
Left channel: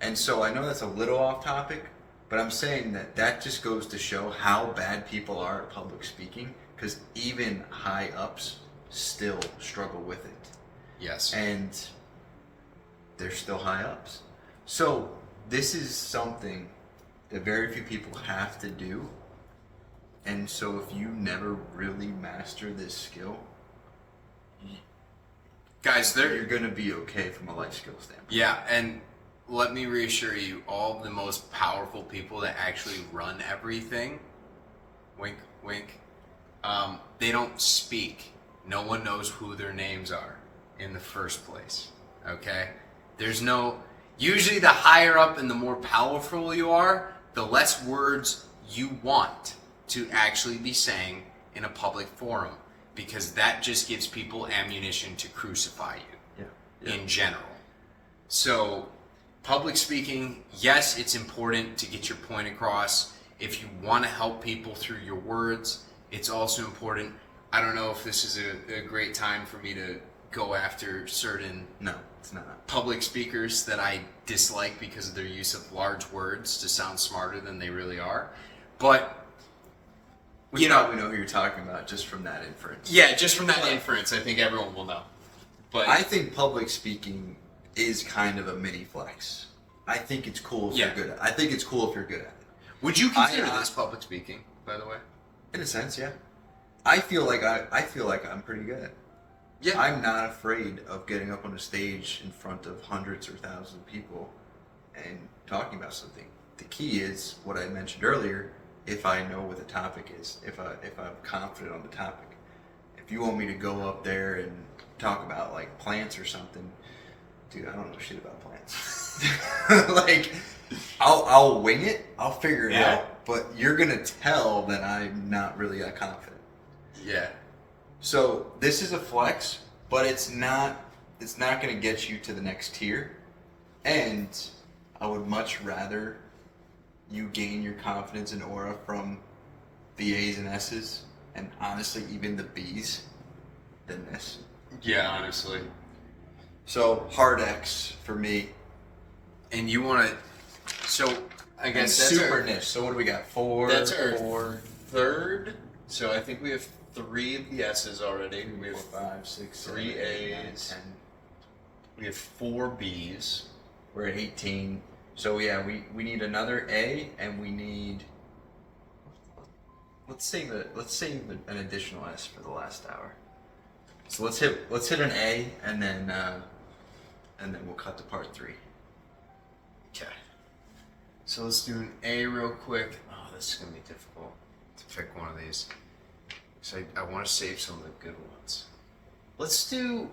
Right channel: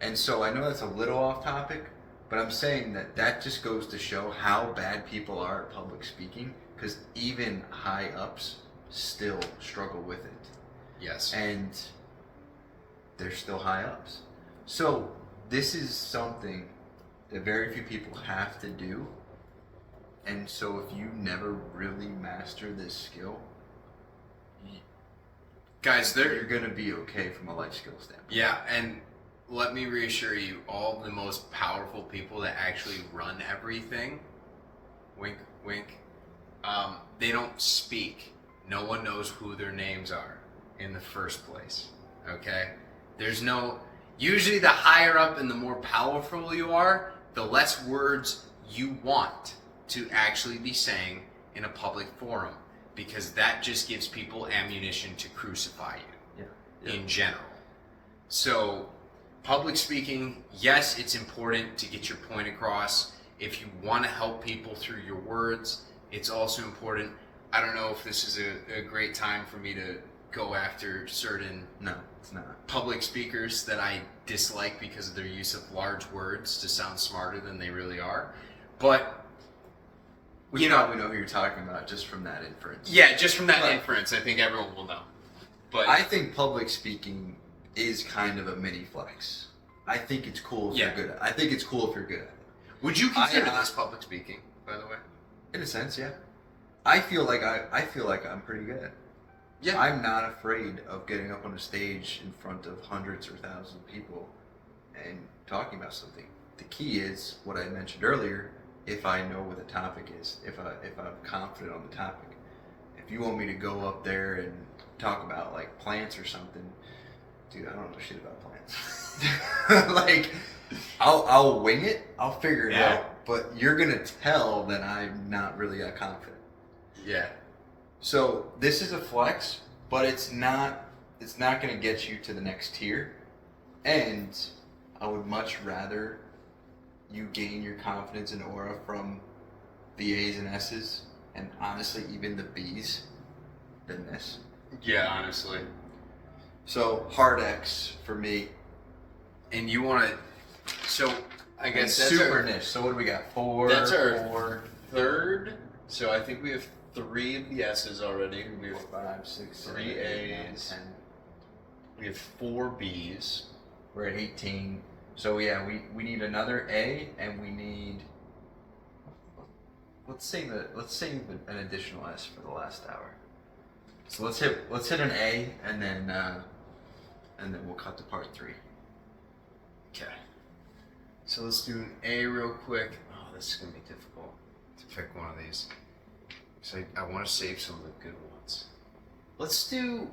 And so I know that's a little off topic, but I'm saying that just goes to show how bad people are at public speaking, because even high ups still struggle with it. Yes. And they're still high ups. So this is something that very few people have to do And so if you never really master this skill, Guys, you're going to be okay from a life skill standpoint. Yeah, and let me reassure you, all the most powerful people that actually run everything, wink, wink, they don't speak. No one knows who their names are in the first place, okay? Usually the higher up and the more powerful you are, the less words you want to actually be saying in a public forum, because that just gives people ammunition to crucify you in general. So public speaking, yes, it's important to get your point across. If you want to help people through your words, it's also important. I don't know if this is a great time for me to go after certain No, it's not. public speakers that I dislike because of their use of large words to sound smarter than they really are. But We probably know who you're talking about just from that inference. yeah, just from that inference, I think everyone will know. But I think public speaking is kind of a mini flex. I think it's cool if you're good at it. I think it's cool if you're good at it. Would you consider this public speaking, by the way? In a sense, yeah. I feel like I'm pretty good at it. Yeah. I'm not afraid of getting up on a stage in front of hundreds or thousands of people and talking about something. The key is what I mentioned earlier. If I know what the topic is, if I'm confident on the topic. If you want me to go up there and talk about like plants or something, dude, I don't know shit about plants. Like, I'll wing it, I'll figure it out, but you're gonna tell that I'm not really that confident. Yeah. So this is a flex, but it's not gonna get you to the next tier. And I would much rather you gain your confidence and aura from the A's and S's, and honestly even the B's, than this. Yeah, honestly. So hard X for me. And you want to, so I guess that's super niche. So what do we got? That's our four, third. So I think we have 3 of the S's already. We have 5, 6, 3 7, 8, 9, A's. 10. We have 4 B's. We're at 18. So yeah, we need another A, and we need. Let's save an additional S for the last hour. So let's hit an A, and then we'll cut to part 3. Okay. So let's do an A real quick. Oh, this is gonna be difficult to pick one of these. So I want to save some of the good ones. Let's do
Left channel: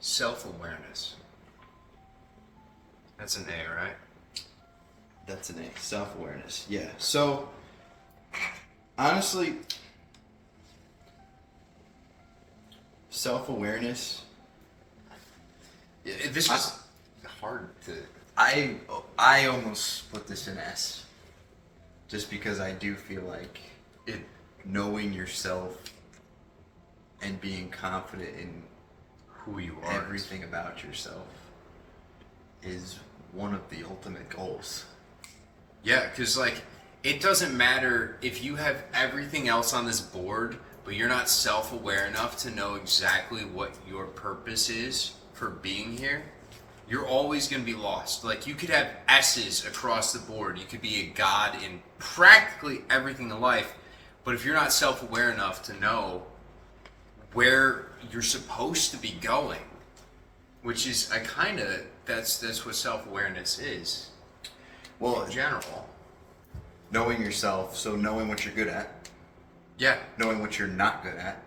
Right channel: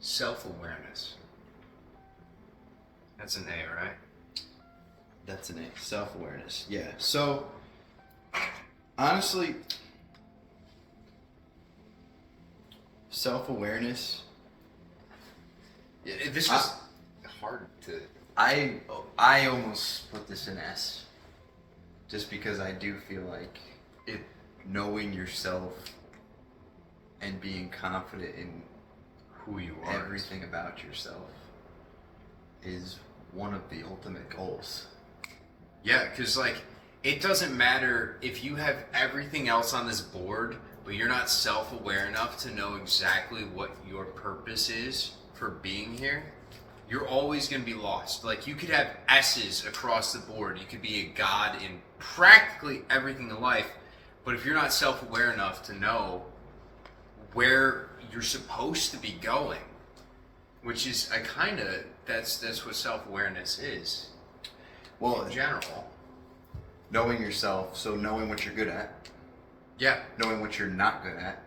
self-awareness. That's an A, right? That's an A. Self-awareness. Yeah. So honestly, self-awareness. Yeah, this is hard to. I almost put this in S, just because I do feel like knowing yourself and being confident in Who you are. everything about yourself is one of the ultimate goals. Yeah, because like it doesn't matter if you have everything else on this board, but you're not self-aware enough to know exactly what your purpose is for being here. You're always going to be lost. Like you could have S's across the board. You could be a god in practically everything in life, but if you're not self-aware enough to know where you're supposed to be going, which is that's what self-awareness is. Well, In general. knowing yourself, so knowing what you're good at, Yeah. knowing what you're not good at,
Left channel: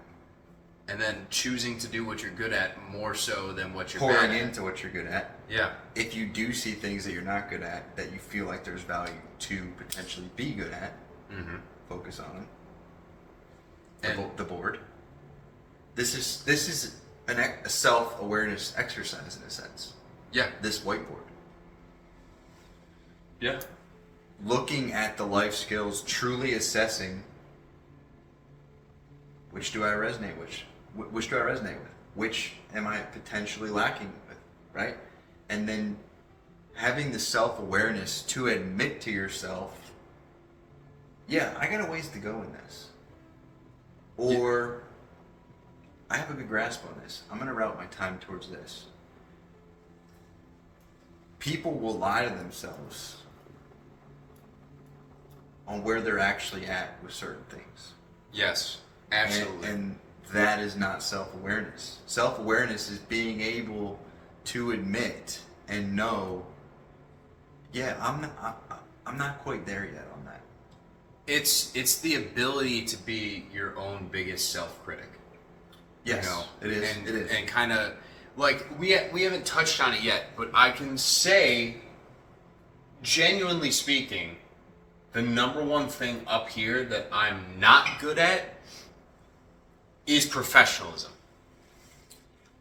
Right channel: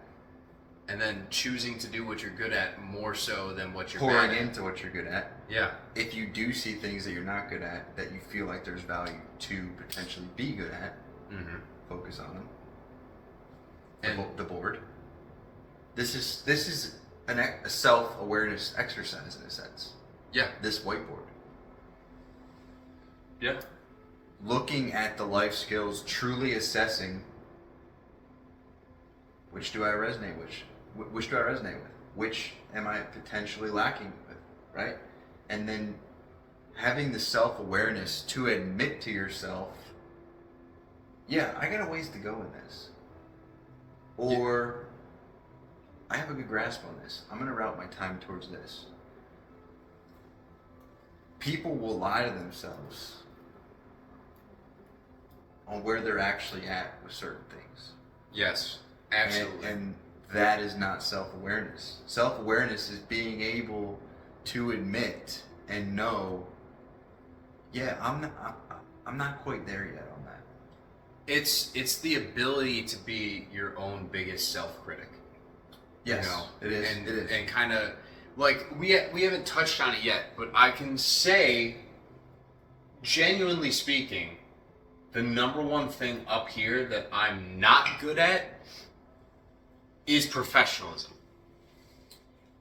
And then choosing to do what you're good at more so than what you're pouring bad at. into what you're good at. Yeah. If you do see things that you're not good at, that you feel like there's value to potentially be good at, Mm-hmm. focus on them. And The board. This is a self-awareness exercise in a sense. yeah. This whiteboard. Yeah. Looking at the life skills, truly assessing which do I resonate with, which do I resonate with, which am I potentially lacking with, right? And then having the self-awareness to admit to yourself, yeah, I got a ways to go in this. Or I have a good grasp on this. I'm going to route my time towards this. People will lie to themselves on where they're actually at with certain things. Yes, absolutely. And that is not self-awareness. Self-awareness is being able to admit and know, yeah, I'm not quite there yet on that. It's the ability to be your own biggest self-critic. Yes, You know? it is. And, It is. And kind of like we haven't touched on it yet, but I can say, genuinely speaking, the number one thing up here that I'm not good at is professionalism.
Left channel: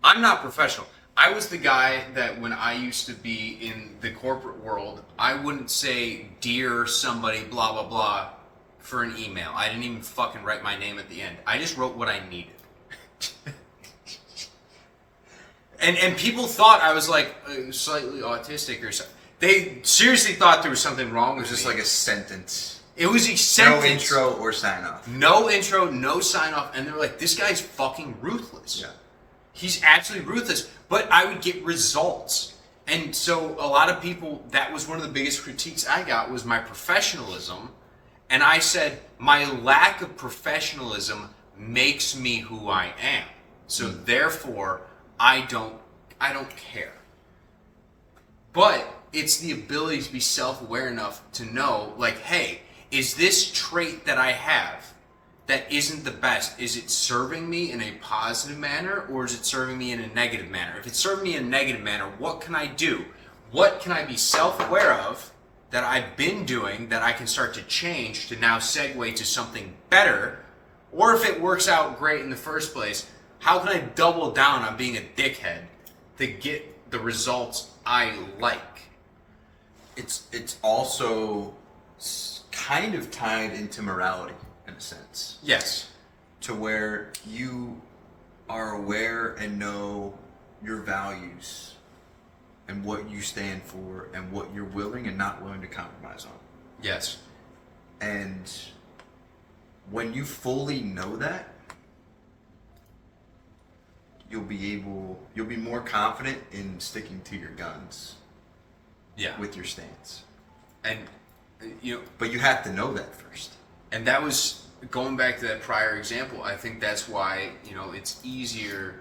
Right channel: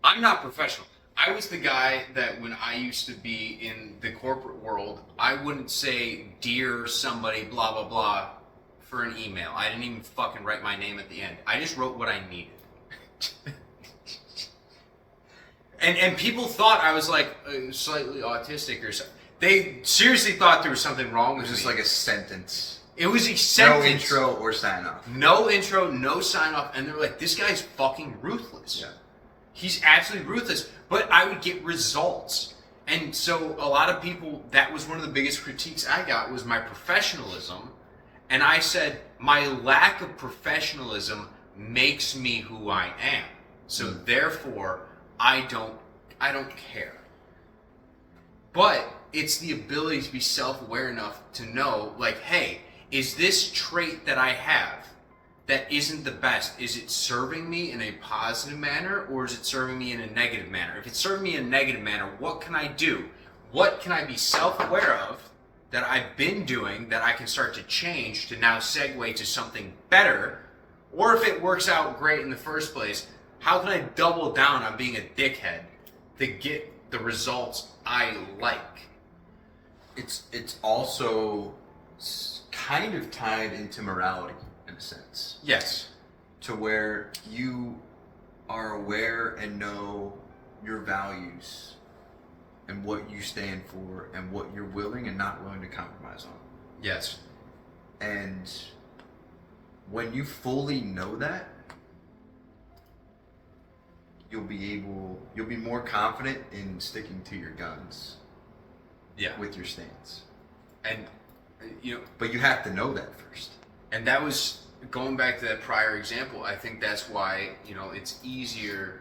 I'm not professional. I was the guy that when I used to be in the corporate world, I wouldn't say dear somebody blah blah blah for an email. I didn't even fucking write my name at the end. I just wrote what I needed. And people thought I was like slightly autistic or something. They seriously thought there was something wrong It with was just me. like a sentence. It was a sentence. No intro or sign off. No intro, no sign off, and they're like, this guy's fucking ruthless. Yeah. He's absolutely ruthless. But I would get results. And so a lot of people, that was one of the biggest critiques I got was my professionalism. And I said, my lack of professionalism makes me who I am. So therefore, I don't care. But it's the ability to be self-aware enough to know, like, hey, is this trait that I have that isn't the best, is it serving me in a positive manner or is it serving me in a negative manner? If it's serving me in a negative manner, what can I do? What can I be self-aware of that I've been doing that I can start to change to now segue to something better? Or if it works out great in the first place, how can I double down on being a dickhead to get the results I like? It's also kind of tied into morality in a sense. Yes. To where you are aware and know your values and what you stand for and what you're willing and not willing to compromise on. Yes. And when you fully know that, you'll be more confident in sticking to your guns. Yeah. With your stance. And you know, But you have to know that first. and that was going back to that prior example. I think that's why, you know, it's easier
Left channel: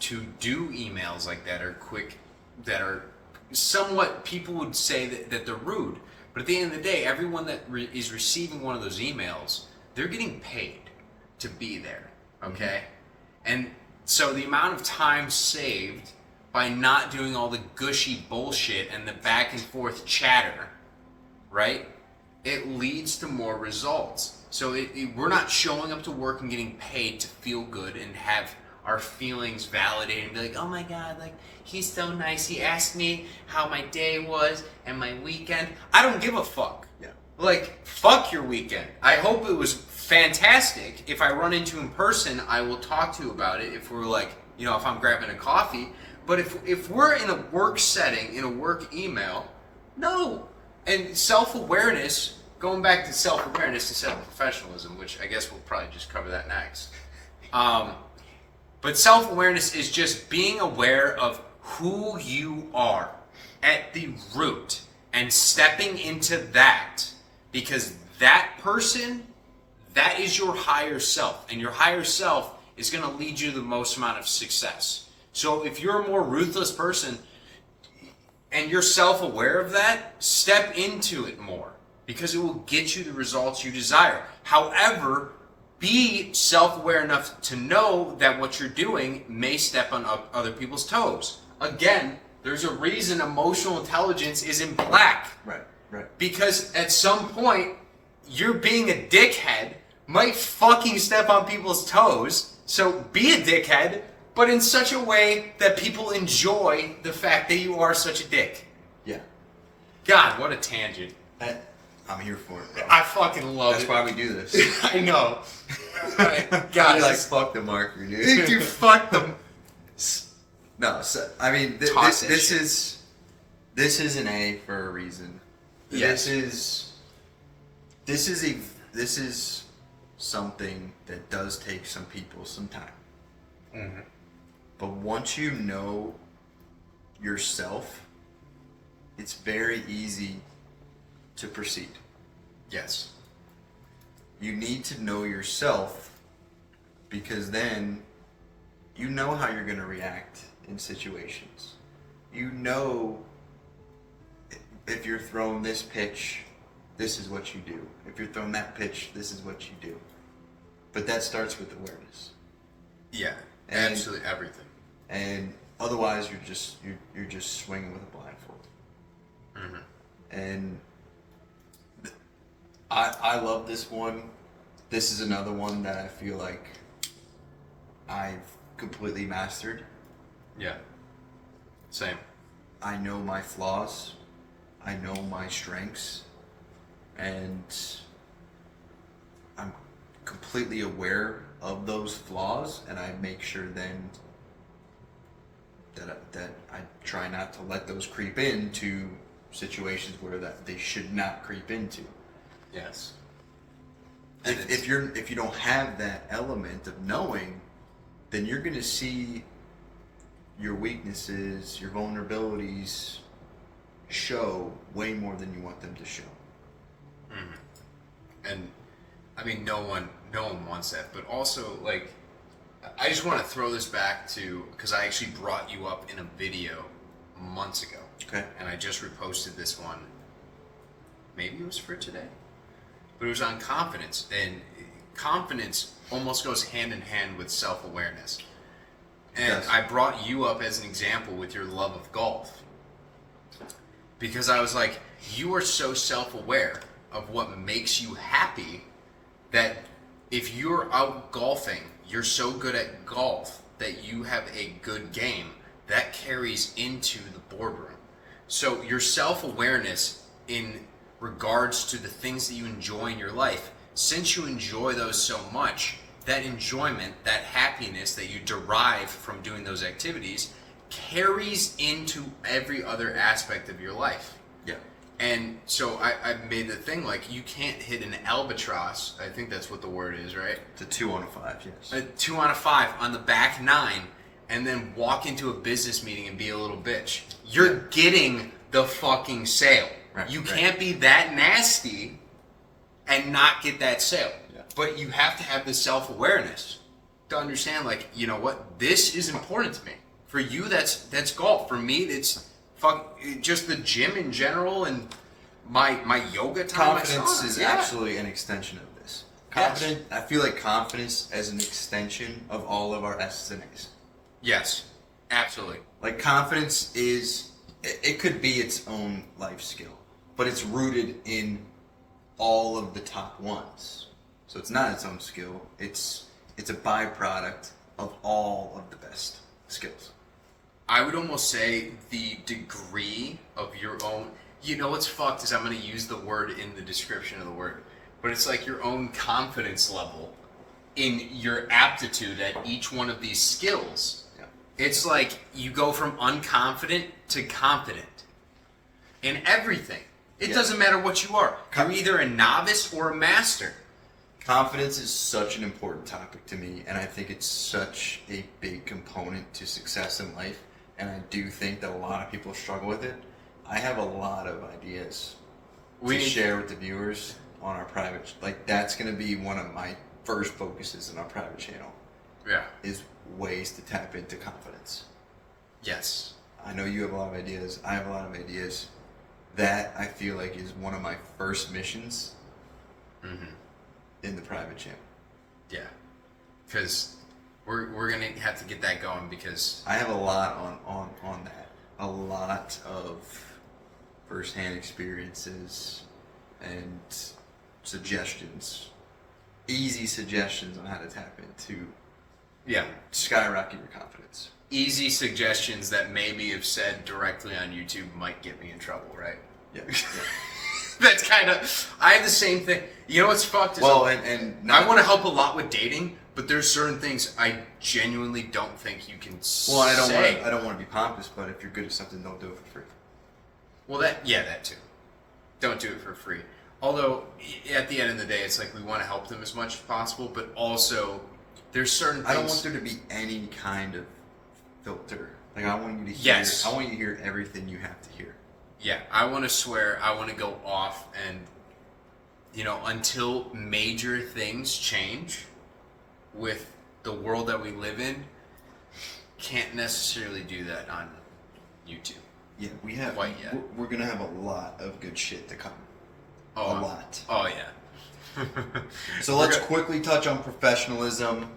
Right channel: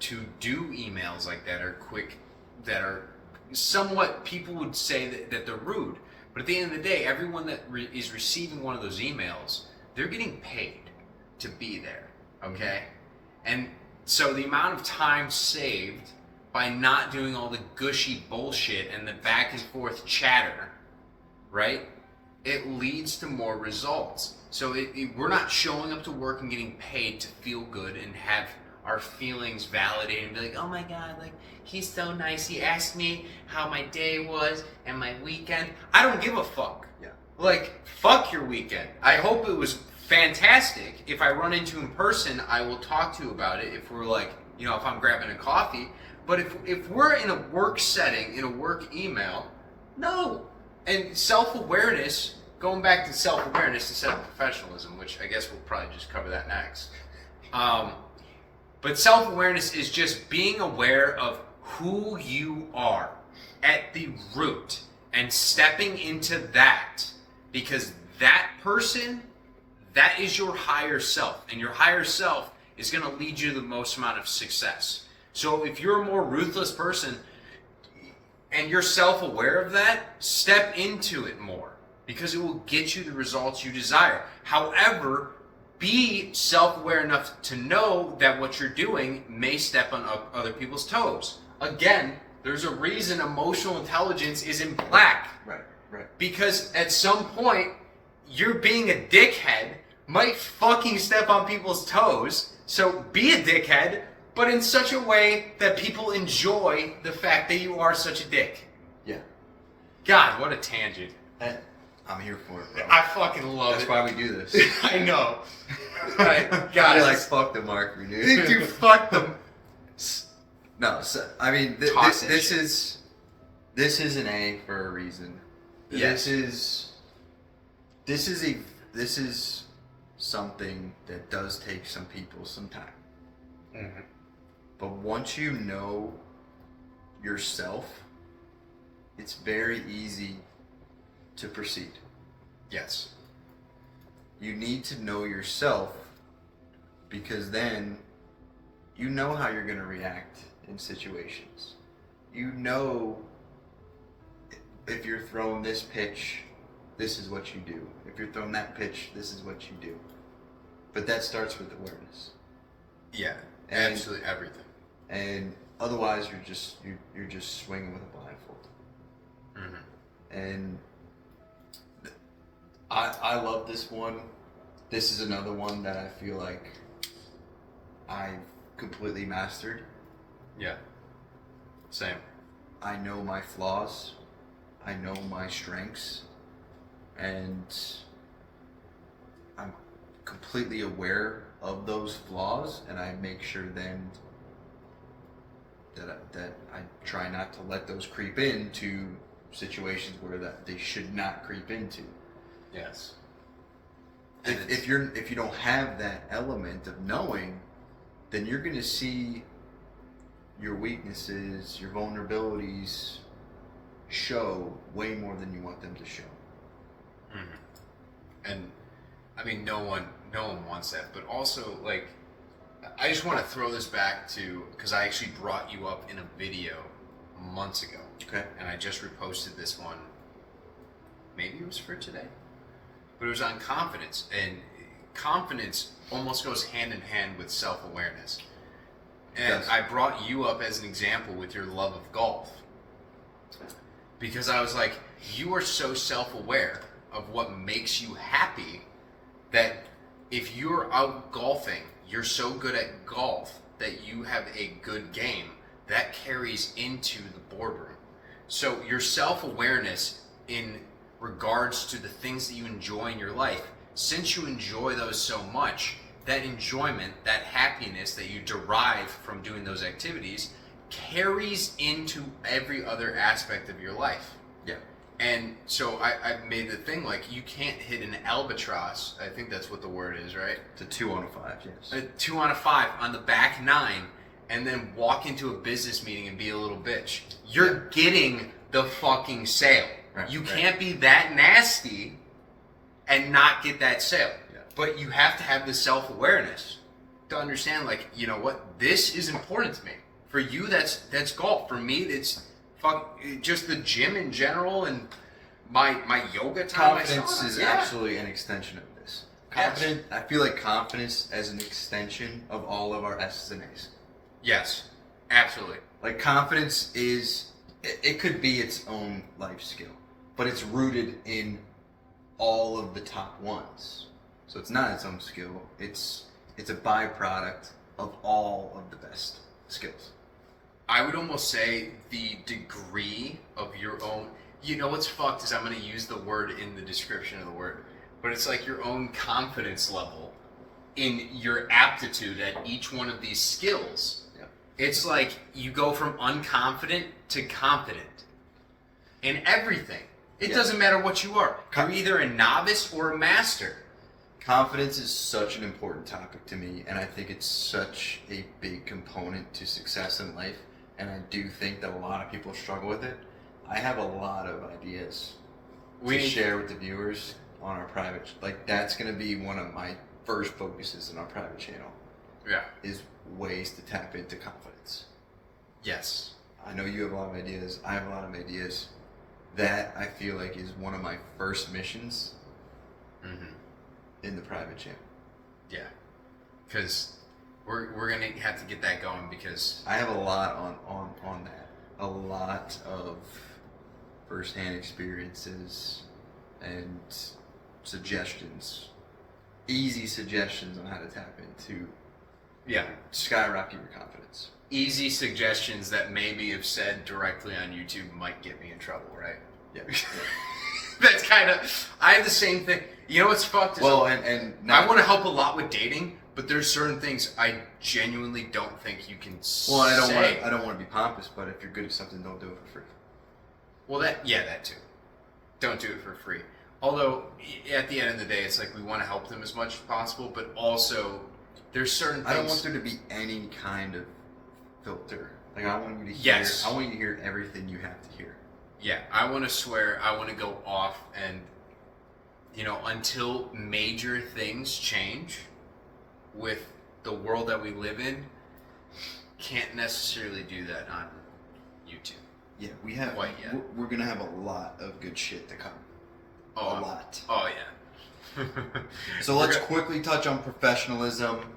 to do emails like that or quick, that are somewhat, people would say that they're rude. But at the end of the day, everyone that is receiving one of those emails, they're getting paid to be there, okay? And so the amount of time saved by not doing all the gushy bullshit and the back and forth chatter, right? It leads to more results. So we're not showing up to work and getting paid to feel good and have our feelings validated and be like, oh my God, like, he's so nice. He asked me how my day was and my weekend. I don't give a fuck. Yeah. Like, fuck your weekend. I hope it was fantastic. If I run into in person, I will talk to you about it. If we're like, you know, if I'm grabbing a coffee. But if we're in a work setting, in a work email, no. And self-awareness, going back to self-awareness instead of professionalism, which I guess we'll probably just cover that next. But self-awareness is just being aware of who you are at the root and stepping into that, because that person, that is your higher self, and your higher self is going to lead you to the most amount of success. So if you're a more ruthless person and you're self-aware of that, step into it more, because it will get you the results you desire. However, be self-aware enough to know that what you're doing may step on other people's toes. Again, there's a reason emotional intelligence is in black. Right. Because at some point, you're being a dickhead might fucking step on people's toes. So be a dickhead, but in such a way that people enjoy the fact that you are such a dick. Yeah. God, what a tangent. I'm here for it, bro. I fucking love That's it. why we do this. I know. Right. God, You're like, fuck the marker, dude. dude, fuck them. No, so, I mean, Toss that this shit. is an A for a reason. Yes. This is something that does take some people some time. Mm-hmm. But once you know yourself, it's very easy to proceed. Yes. You need to know yourself, because then you know how you're going to react in situations. You know if you're throwing this pitch, this is what you do. If you're throwing that pitch, this is what you do. But that starts with awareness. Yeah, And- absolutely everything. And otherwise, you're just swinging with a blindfold. Mm-hmm. And I love this one. This is another one that I feel like I've completely mastered. Yeah. Same. I know my flaws. I know my strengths. And I'm completely aware of those flaws, and I make sure then that I try not to let those creep into situations where that they should not creep into. Yes. If you don't have that element of knowing, then you're going to see your weaknesses, your vulnerabilities show way more than you want them to show. Mm-hmm. And I mean, no one wants that. But also, like, I just want to throw this back to, because I actually brought you up in a video months ago. Okay. And I just reposted this one. Maybe it was for today, but it was on confidence, and confidence almost goes hand in hand with self-awareness. And Yes. I brought you up as an example with your love of golf, because I was like, you are so self-aware of what makes you happy that if you're out golfing, you're so good at golf that you have a good game that carries into the boardroom. So your self-awareness in regards to the things that you enjoy in your life, since you enjoy those so much, that enjoyment, that happiness that you derive from doing those activities carries into every other aspect of your life. Yeah. And so I made the thing, like, you can't hit an albatross, I think that's what the word is, right? It's a 2 on a 5, yes. A 2 on a 5 on the back 9, and then walk into a business meeting and be a little bitch. You're getting the fucking sale. Right, You right. can't be that nasty and not get that sale. Yeah. But you have to have the self-awareness to understand, like, you know what, this is important to me. For you, that's golf. For me, it's just the gym in general and my yoga time. Confidence my sauna. is Yeah. absolutely an extension of this. Confident. I feel like confidence as an extension of all of our S's and A's. Yes, absolutely. Like, confidence is, it could be its own life skill, but it's rooted in all of the top ones. So it's not its own skill. It's a byproduct of all of the best skills. I would almost say the degree of your own. You know what's fucked is I'm going to use the word in the description of the word, but it's like your own confidence level in your aptitude at each one of these skills. Yeah. It's like you go from unconfident to confident in everything. It Yeah. doesn't matter what you are. You're either a novice or a master. Confidence is such an important topic to me, and I think it's such a big component to success in life, and I do think that a lot of people struggle with it. I have a lot of ideas We to need- share with the viewers on our private, like, that's going to be one of my first focuses in our private channel, Yeah. is ways to tap into confidence. Yes. I know you have a lot of ideas, I have a lot of ideas. That, I feel like, is one of my first missions Mm-hmm. in the private channel. Yeah. Because we're gonna have to get that going because I have a lot on that. A lot of first-hand experiences and suggestions. Easy suggestions on how to tap into yeah. skyrocket your confidence. Easy suggestions that maybe if said directly on YouTube might get me in trouble, right? Yeah. That's kind of, I have the same thing. You know what's fucked is Well, and I want to help a lot with dating, but there's certain things I genuinely don't think you can well, I say. don't want to be pompous, but if you're good at something, don't do it for free. Well, that too. Don't do it for free. Although, at the end of the day, it's like we want to help them as much as possible, but also there's certain things. I don't want there to be any kind of filter. Like, I want you to hear. Yes. I want you to hear everything you have to hear. Yeah, I want to swear. I want to go off and until major things change with the world that we live in, can't necessarily do that on YouTube. Yeah, we have. Quite yet. We're gonna have a lot of good shit to come. A lot. Oh yeah. So let's quickly touch on professionalism.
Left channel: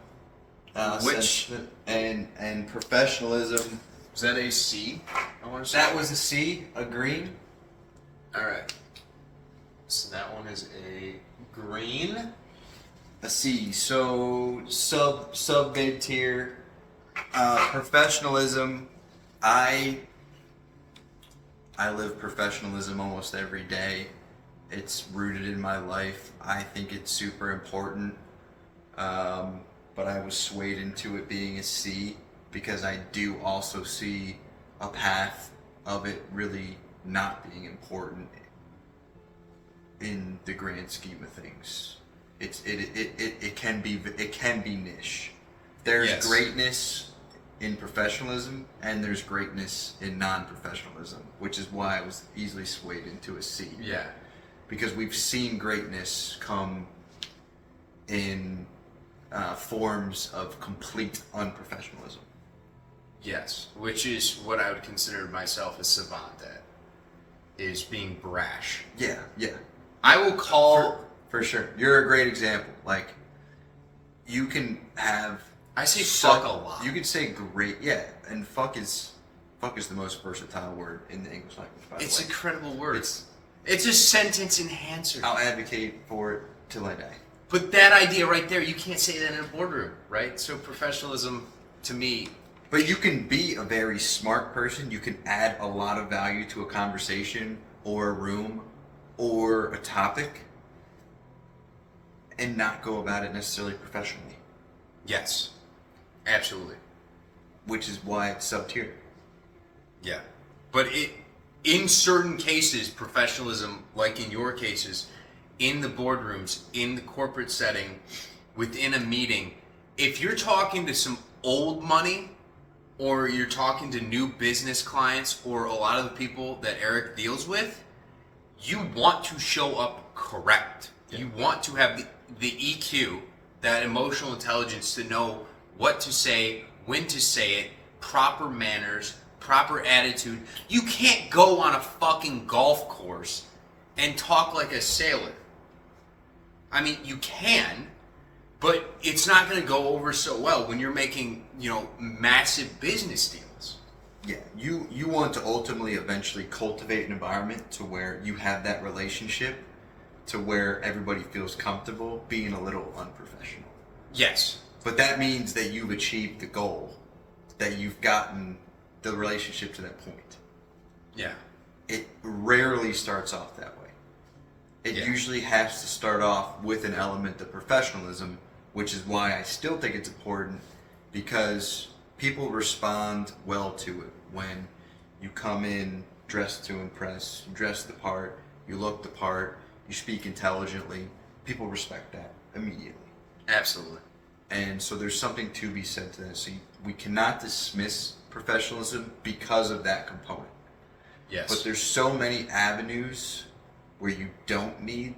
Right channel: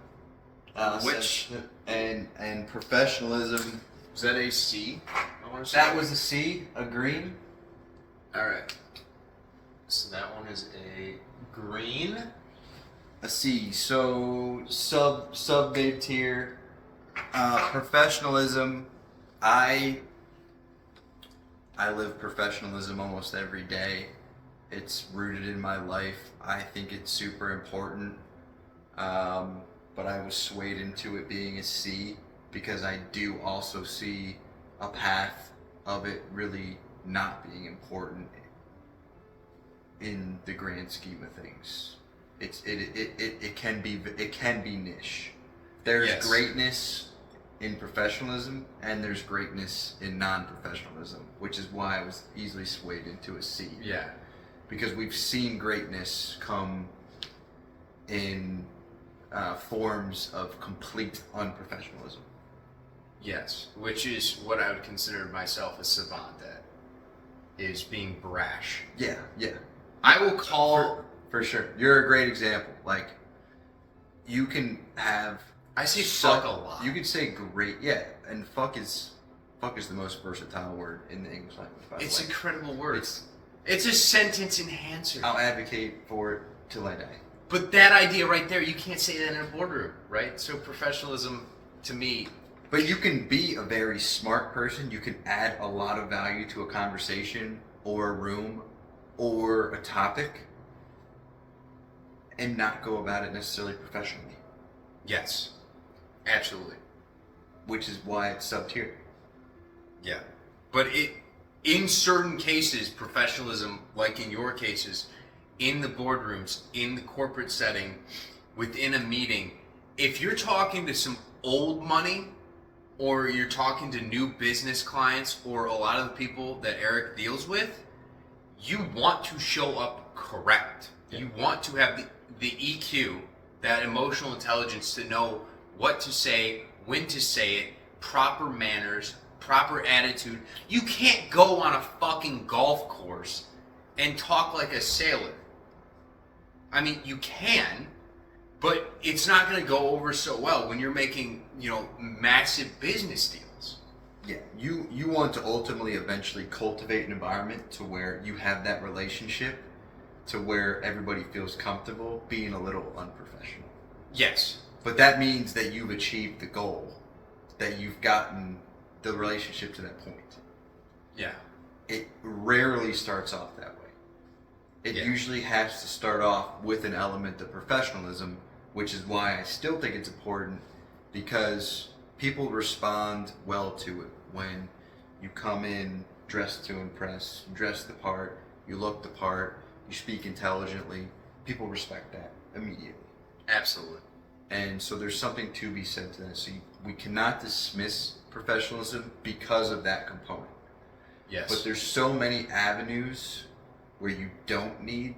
Which and professionalism. is that a C? I want to say That was a C, a green. All right. So that one is a green. A C. So sub mid tier. Professionalism. I live professionalism almost every day. It's rooted in my life. I think it's super important. But I was swayed into it being a C because I do also see a path of it really not being important in the grand scheme of things. It can be niche. There's greatness in professionalism and there's greatness in non-professionalism, which is why I was easily swayed into a C. Yeah. Because we've seen greatness come in forms of complete unprofessionalism. Yes, which is what I would consider myself a savant at, is being brash. Yeah. I will call... For sure. You're a great example. Like, you can have... I say fuck a lot. You can say great, yeah, and fuck is the most versatile word in the English language, by the way. It's an incredible word. It's a sentence enhancer. I'll advocate for it till I die. But that idea right there, you can't say that in a boardroom, right? So professionalism, to me... But you can be a very smart person. You can add a lot of value to a conversation or a room or a topic and not go about it necessarily professionally. Yes, absolutely. Which is why it's sub-tier. Yeah. But in certain cases, professionalism, like in your cases, in the boardrooms, in the corporate setting, within a meeting, if you're talking to some old money or you're talking to new business clients or a lot of the people that Eric deals with, you want to show up correct. Yeah. You want to have the EQ, that emotional intelligence to know what to say, when to say it, proper manners, proper attitude. You can't go on a fucking golf course and talk like a sailor. I mean, you can, but it's not going to go over so well when you're making, massive business deals. Yeah, you want to ultimately eventually cultivate an environment to where you have that relationship to where everybody feels comfortable being a little unprofessional. Yes. But that means that you've achieved the goal, that you've gotten the relationship to that point. Yeah. It rarely starts off that way. It usually has to start off with an element of professionalism, which is why I still think it's important, because people respond well to it when you come in dressed to impress, you dress the part, you look the part, you speak intelligently. People respect that immediately. Absolutely. And so there's something to be said to that. So we cannot dismiss professionalism because of that component. Yes. But there's so many avenues where you don't need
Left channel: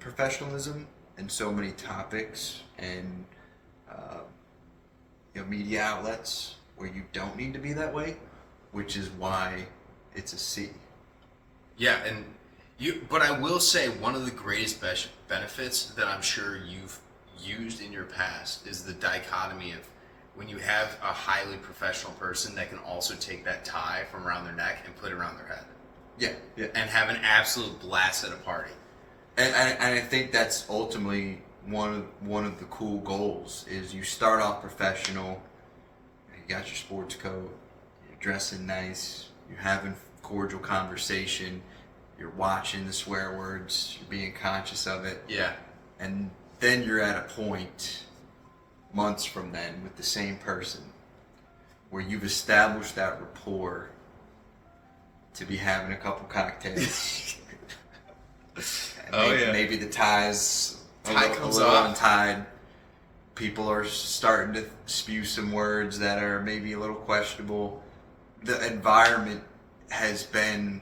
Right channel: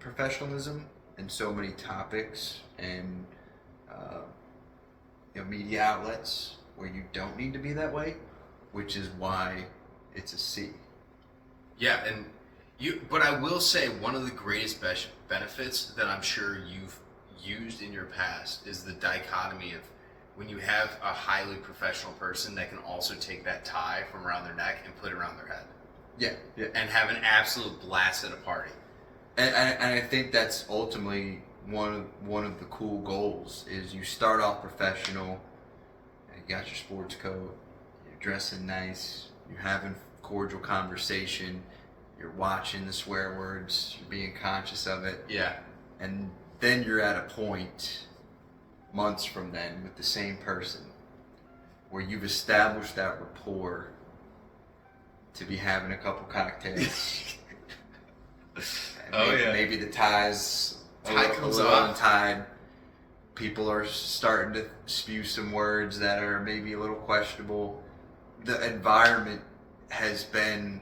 professionalism, and so many topics and media outlets where you don't need to be that way, which is why it's a C. Yeah, and but I will say one of the greatest benefits that I'm sure you've used in your past is the dichotomy of when you have a highly professional person that can also take that tie from around their neck and put it around their head. Yeah. And have an absolute blast at a party. And I think that's ultimately one of the cool goals is you start off professional, you got your sports coat, you're dressing nice, you're having cordial conversation, you're watching the swear words, you're being conscious of it. Yeah. And then you're at a point months from then with the same person where you've established that rapport to be having a couple cocktails. And maybe the tie comes off, untied. People are starting to spew some words that are maybe a little questionable. The environment has been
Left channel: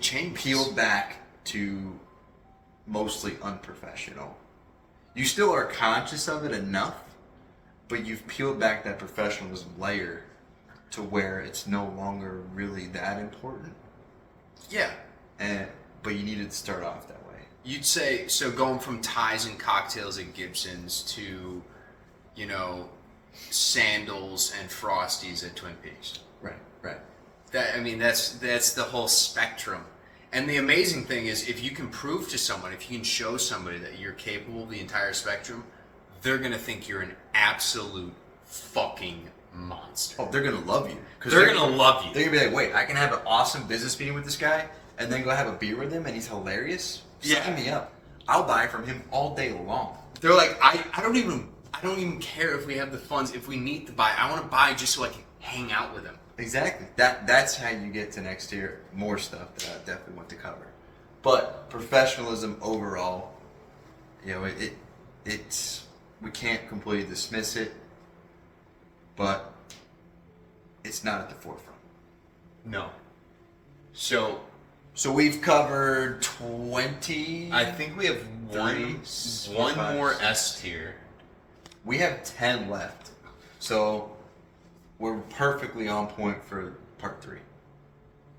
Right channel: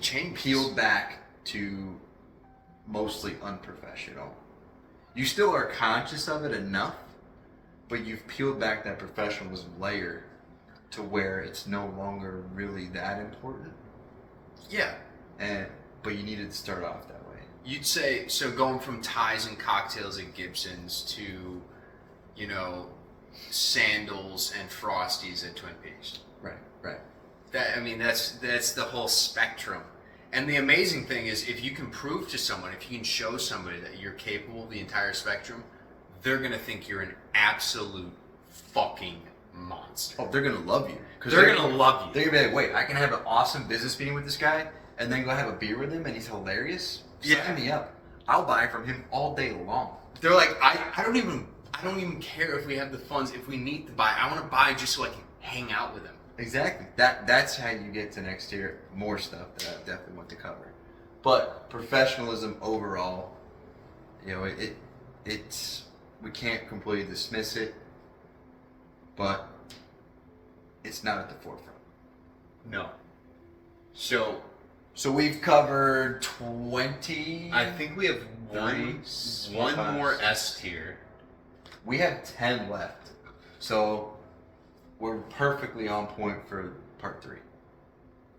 changes. Peeled back to mostly unprofessional. You still are conscious of it enough, but you've peeled back that professionalism layer to where it's no longer really that important. Yeah. But you needed to start off that way. You'd say, so going from ties and cocktails at Gibson's to, you know, sandals and Frosties at Twin Peaks. Right. That's the whole spectrum. And the amazing thing is, if you can prove to someone, if you can show somebody that you're capable of the entire spectrum, they're going to think you're an absolute fucking monster. Oh, they're going to love you. They're going to love you. They're going to be like, wait, I can have an awesome business meeting with this guy and then go have a beer with him and he's hilarious? Sign me up. I'll buy from him all day long. They're like, I don't even care if we have the funds. If we need to buy, I want to buy just so I can hang out with him. Exactly. That's how you get to next year. More stuff that I definitely want to cover. But professionalism overall, you know, it's we can't completely dismiss it, but it's not at the forefront. No. So we've covered 20. I think we have one 5, more 6. S tier. We have 10 left. So we're perfectly on point for part 3.